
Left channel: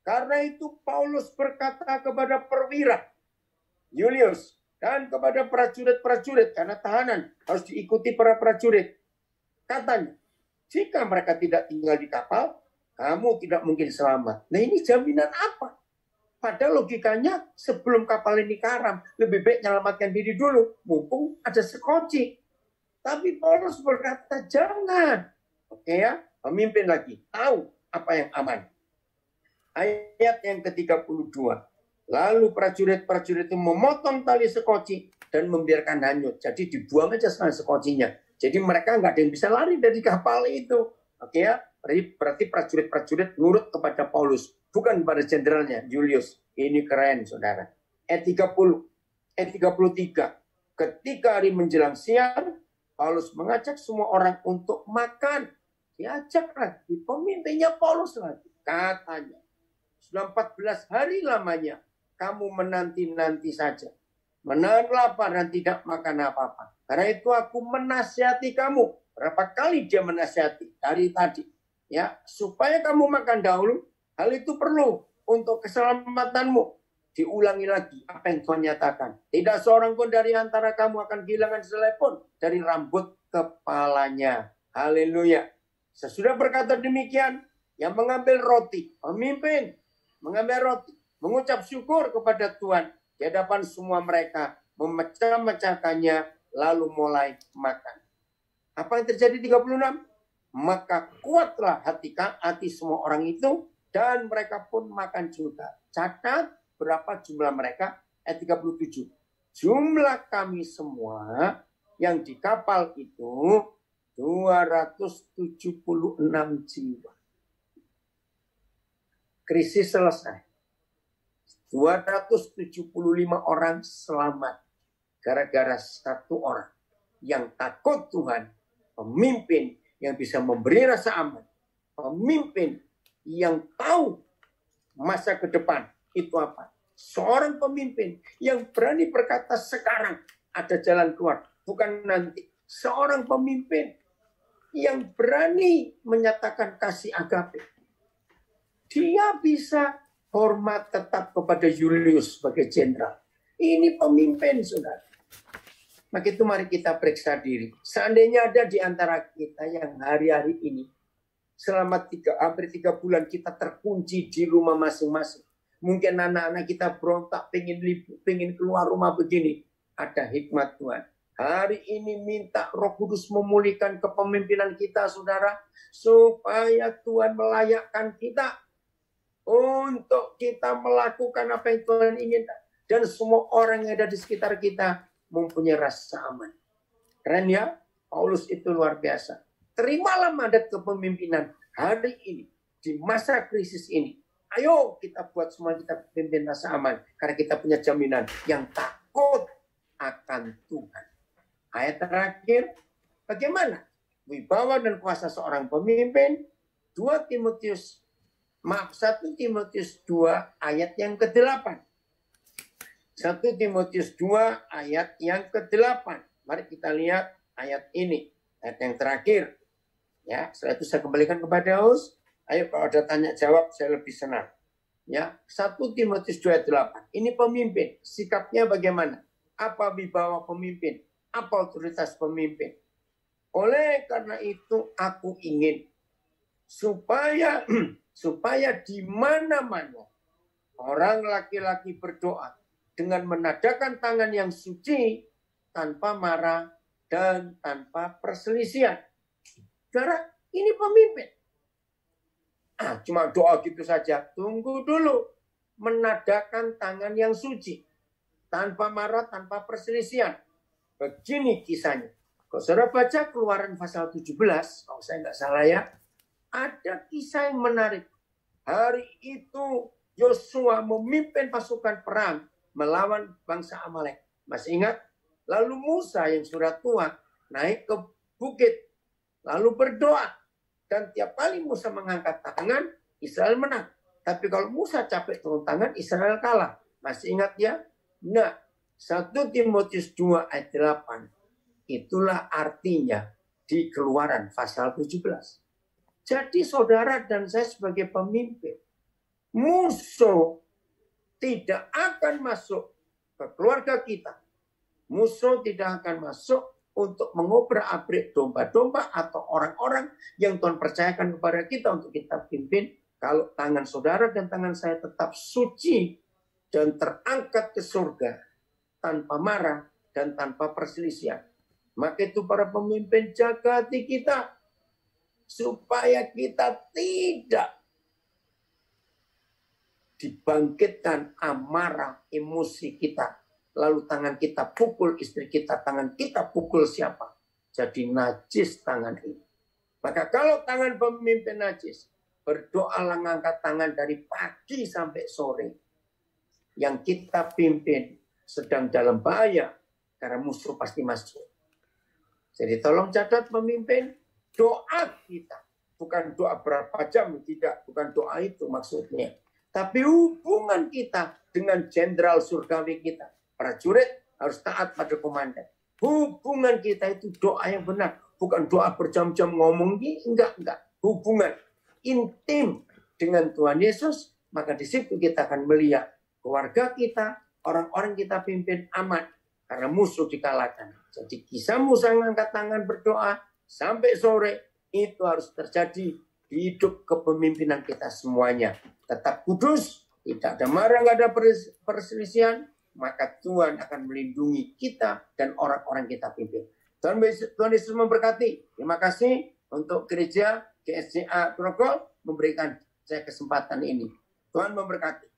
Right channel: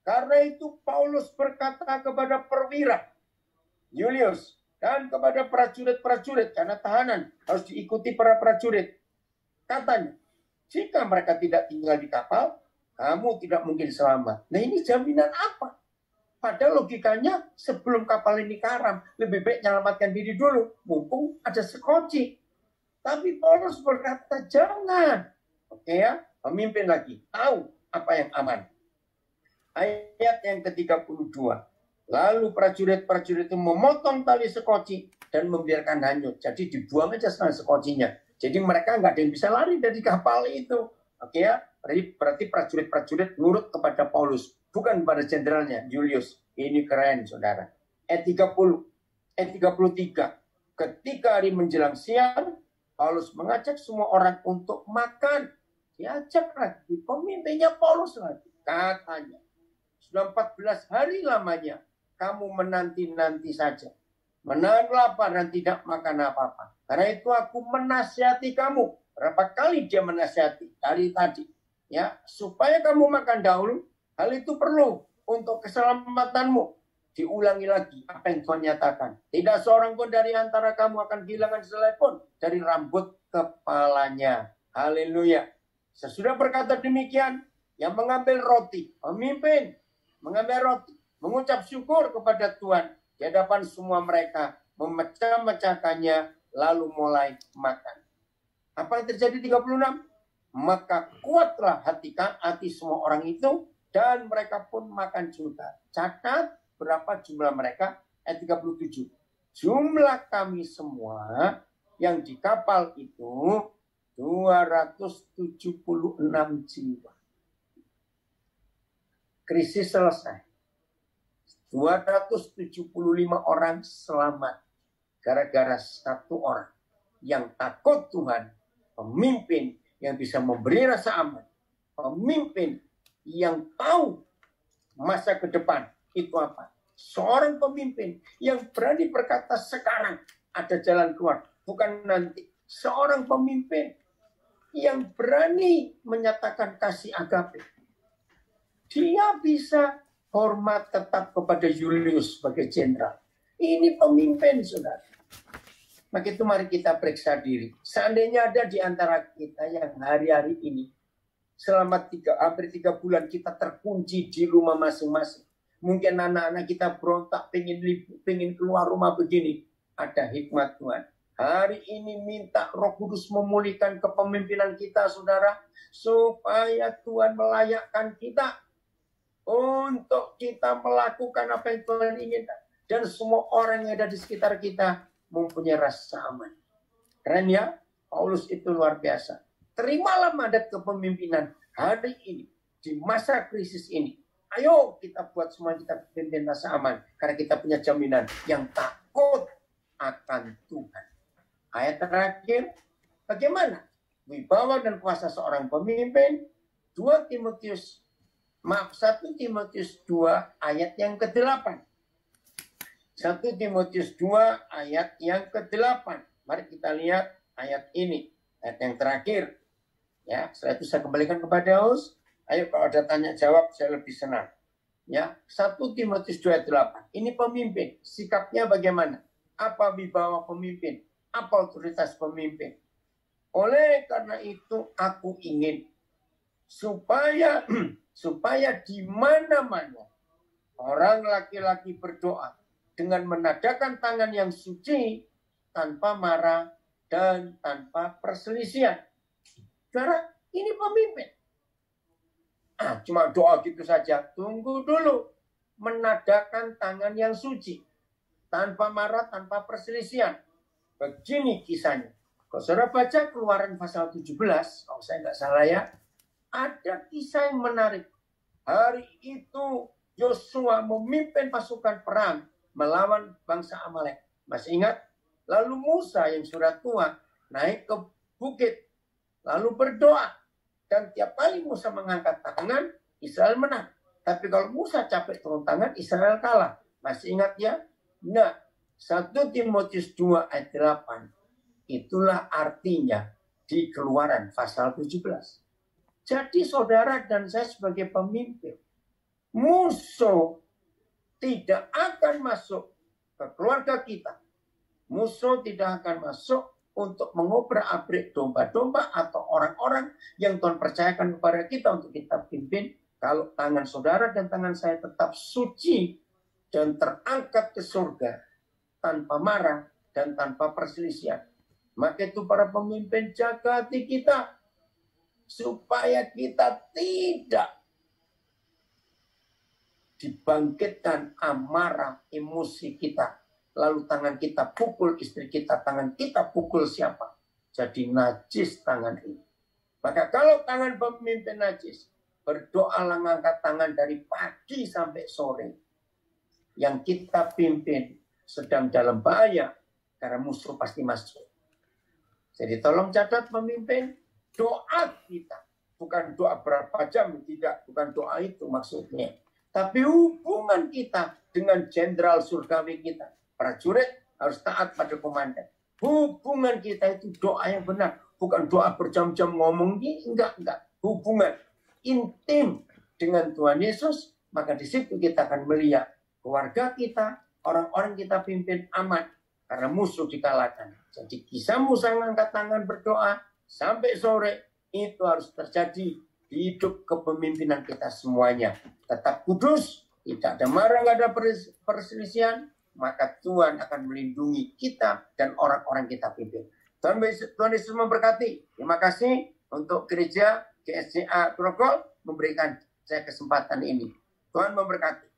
Karena itu Paulus berkata kepada perwira Julius dan kepada prajurit-prajurit, karena tahanan harus diikuti para prajurit. Katanya, jika mereka tidak tinggal di kapal, kamu tidak mungkin selamat. Nah, ini jaminan apa? Padahal logikanya sebelum kapal ini karam, lebih baik menyelamatkan diri dulu. Mumpung ada sekoci. Tapi Paulus berkata, jangan. Oke ya, pemimpin lagi. Tahu apa yang aman. Ayat yang ke-32. Lalu prajurit-prajurit itu memotong tali sekoci dan membiarkan hanyut. Jadi dibuang aja sekarang sekocinya. Jadi mereka nggak ada yang bisa lari dari kapal itu. Oke ya, berarti prajurit-prajurit nurut kepada Paulus. Bukan pada jenderalnya, Julius. Ini keren, saudara. Ayat 33. Ketika hari menjelang siang, Paulus mengajak semua orang untuk makan. Diajak lagi. Pemimpinnya Paulus lagi. Katanya. Sudah 14 hari lamanya kamu menanti-nanti saja. Menahan lapar dan tidak makan apa-apa. Karena itu aku menasihati kamu. Berapa kali dia menasihati dari tadi. Ya, supaya kamu makan dahulu. Hal itu perlu untuk keselamatanmu. Diulangi lagi apa yang Tuhan nyatakan. Tidak seorang pun dari antara kamu akan kehilangan selai pun dari rambut kepalanya. Haleluya. Sesudah berkata demikian, yang mengambil roti, pemimpin mengambil roti, mengucap syukur kepada Tuhan di hadapan semua mereka, memecah-mecahkannya, lalu mulai makan. Apa yang terjadi 36? Maka kuatlah hati semua orang itu, dan mereka pun makan juga. Catat berapa jumlah mereka? Ayat 37. Jumlah kami semua yang di kapal itu 276 jiwa. Krisis selesai. 275 orang selamat gara-gara satu orang yang takut Tuhan, pemimpin yang bisa memberi rasa aman, pemimpin yang tahu masa ke depan itu apa. Seorang pemimpin yang berani berkata sekarang ada jalan keluar, bukan nanti. Seorang pemimpin yang berani menyatakan kasih agape. Dia bisa hormat tetap kepada Julius sebagai jenderal. Ini pemimpin, saudara. Maka itu mari kita periksa diri. Seandainya ada di antara kita yang hari-hari ini selama hampir 3 bulan kita terkunci di rumah masing-masing. Mungkin anak-anak kita berontak, pengen keluar rumah begini. Ada hikmat Tuhan. Hari ini minta Roh Kudus memulihkan kepemimpinan kita, saudara. Supaya Tuhan melayakkan kita untuk kita melakukan apa yang Tuhan inginkan. Dan semua orang yang ada di sekitar kita mempunyai rasa aman. Keren ya? Paulus itu luar biasa. Terimalah mandat kepemimpinan hari ini. Di masa krisis ini. Ayo kita buat semua kita pimpin rasa aman. Karena kita punya jaminan yang takut akan Tuhan. Ayat terakhir. Bagaimana wibawa dan kuasa seorang pemimpin? 1 Timotius 2 ayat yang ke-8. 1 Timotius 2 ayat yang ke-8. Mari kita lihat ayat ini. Ayat yang terakhir. Ya, setelah itu saya kembalikan kepada Us. Ayo kalau ada tanya jawab saya lebih senang. Ya, 1 Timotius 2 ayat 8. Ini pemimpin. Sikapnya bagaimana? Apa wibawa pemimpin? Apa otoritas pemimpin? Oleh karena itu aku ingin supaya di mana-mana orang laki-laki berdoa dengan menadakan tangan yang suci tanpa marah dan tanpa perselisihan. Saudara, ini pemimpin. Cuma doa gitu saja. Tunggu dulu. Menadakan tangan yang suci tanpa marah, tanpa perselisihan. Begini kisahnya. Kalau saudara baca Keluaran pasal 17, kalau saya nggak salah ya, ada kisah yang menarik. Hari itu Yosua memimpin pasukan perang melawan bangsa Amalek. Masih ingat? Lalu Musa yang sudah tua naik ke bukit. Lalu berdoa. Dan tiap kali Musa mengangkat tangan, Israel menang. Tapi kalau Musa capek turun tangan, Israel kalah. Masih ingat ya? Nah, 1 Timotius 2 ayat 8. Itulah artinya di Keluaran pasal 17. Jadi saudara dan saya sebagai pemimpin, musuh tidak akan masuk ke keluarga kita. Musuh tidak akan masuk untuk mengobrak-abrik domba-domba atau orang-orang yang Tuhan percayakan kepada kita untuk kita pimpin. Kalau tangan saudara dan tangan saya tetap suci dan terangkat ke surga tanpa marah dan tanpa perselisihan. Maka itu para pemimpin jaga hati kita supaya kita tidak dibangkitkan amarah emosi kita. Lalu tangan kita pukul istri kita, tangan kita pukul siapa. Jadi najis tangan ini. Maka kalau tangan pemimpin najis, berdoalah ngangkat tangan dari pagi sampai sore. Yang kita pimpin sedang dalam bahaya karena musuh pasti masuk. Jadi tolong catat pemimpin, doa kita bukan doa berapa jam, tidak, bukan doa itu maksudnya. Tapi hubungan kita dengan jenderal surgawi kita, prajurit harus taat pada komandan. Hubungan kita itu doa yang benar, bukan doa berjam-jam ngomong enggak. Hubungan intim dengan Tuhan Yesus, maka di situ kita akan melihat keluarga kita, orang-orang kita pimpin aman karena musuh dikalahkan. Jadi kisahmu sang angkat tangan berdoa sampai sore itu harus terjadi di hidup kepemimpinan kita semuanya. Tetap kudus, tidak ada marah, tidak ada perselisihan, maka Tuhan akan melindungi kita dan orang-orang kita pimpin. Tuhan Yesus memberkati. Terima kasih untuk gereja GSCA Grogol memberikan saya kesempatan ini. Tuhan memberkati.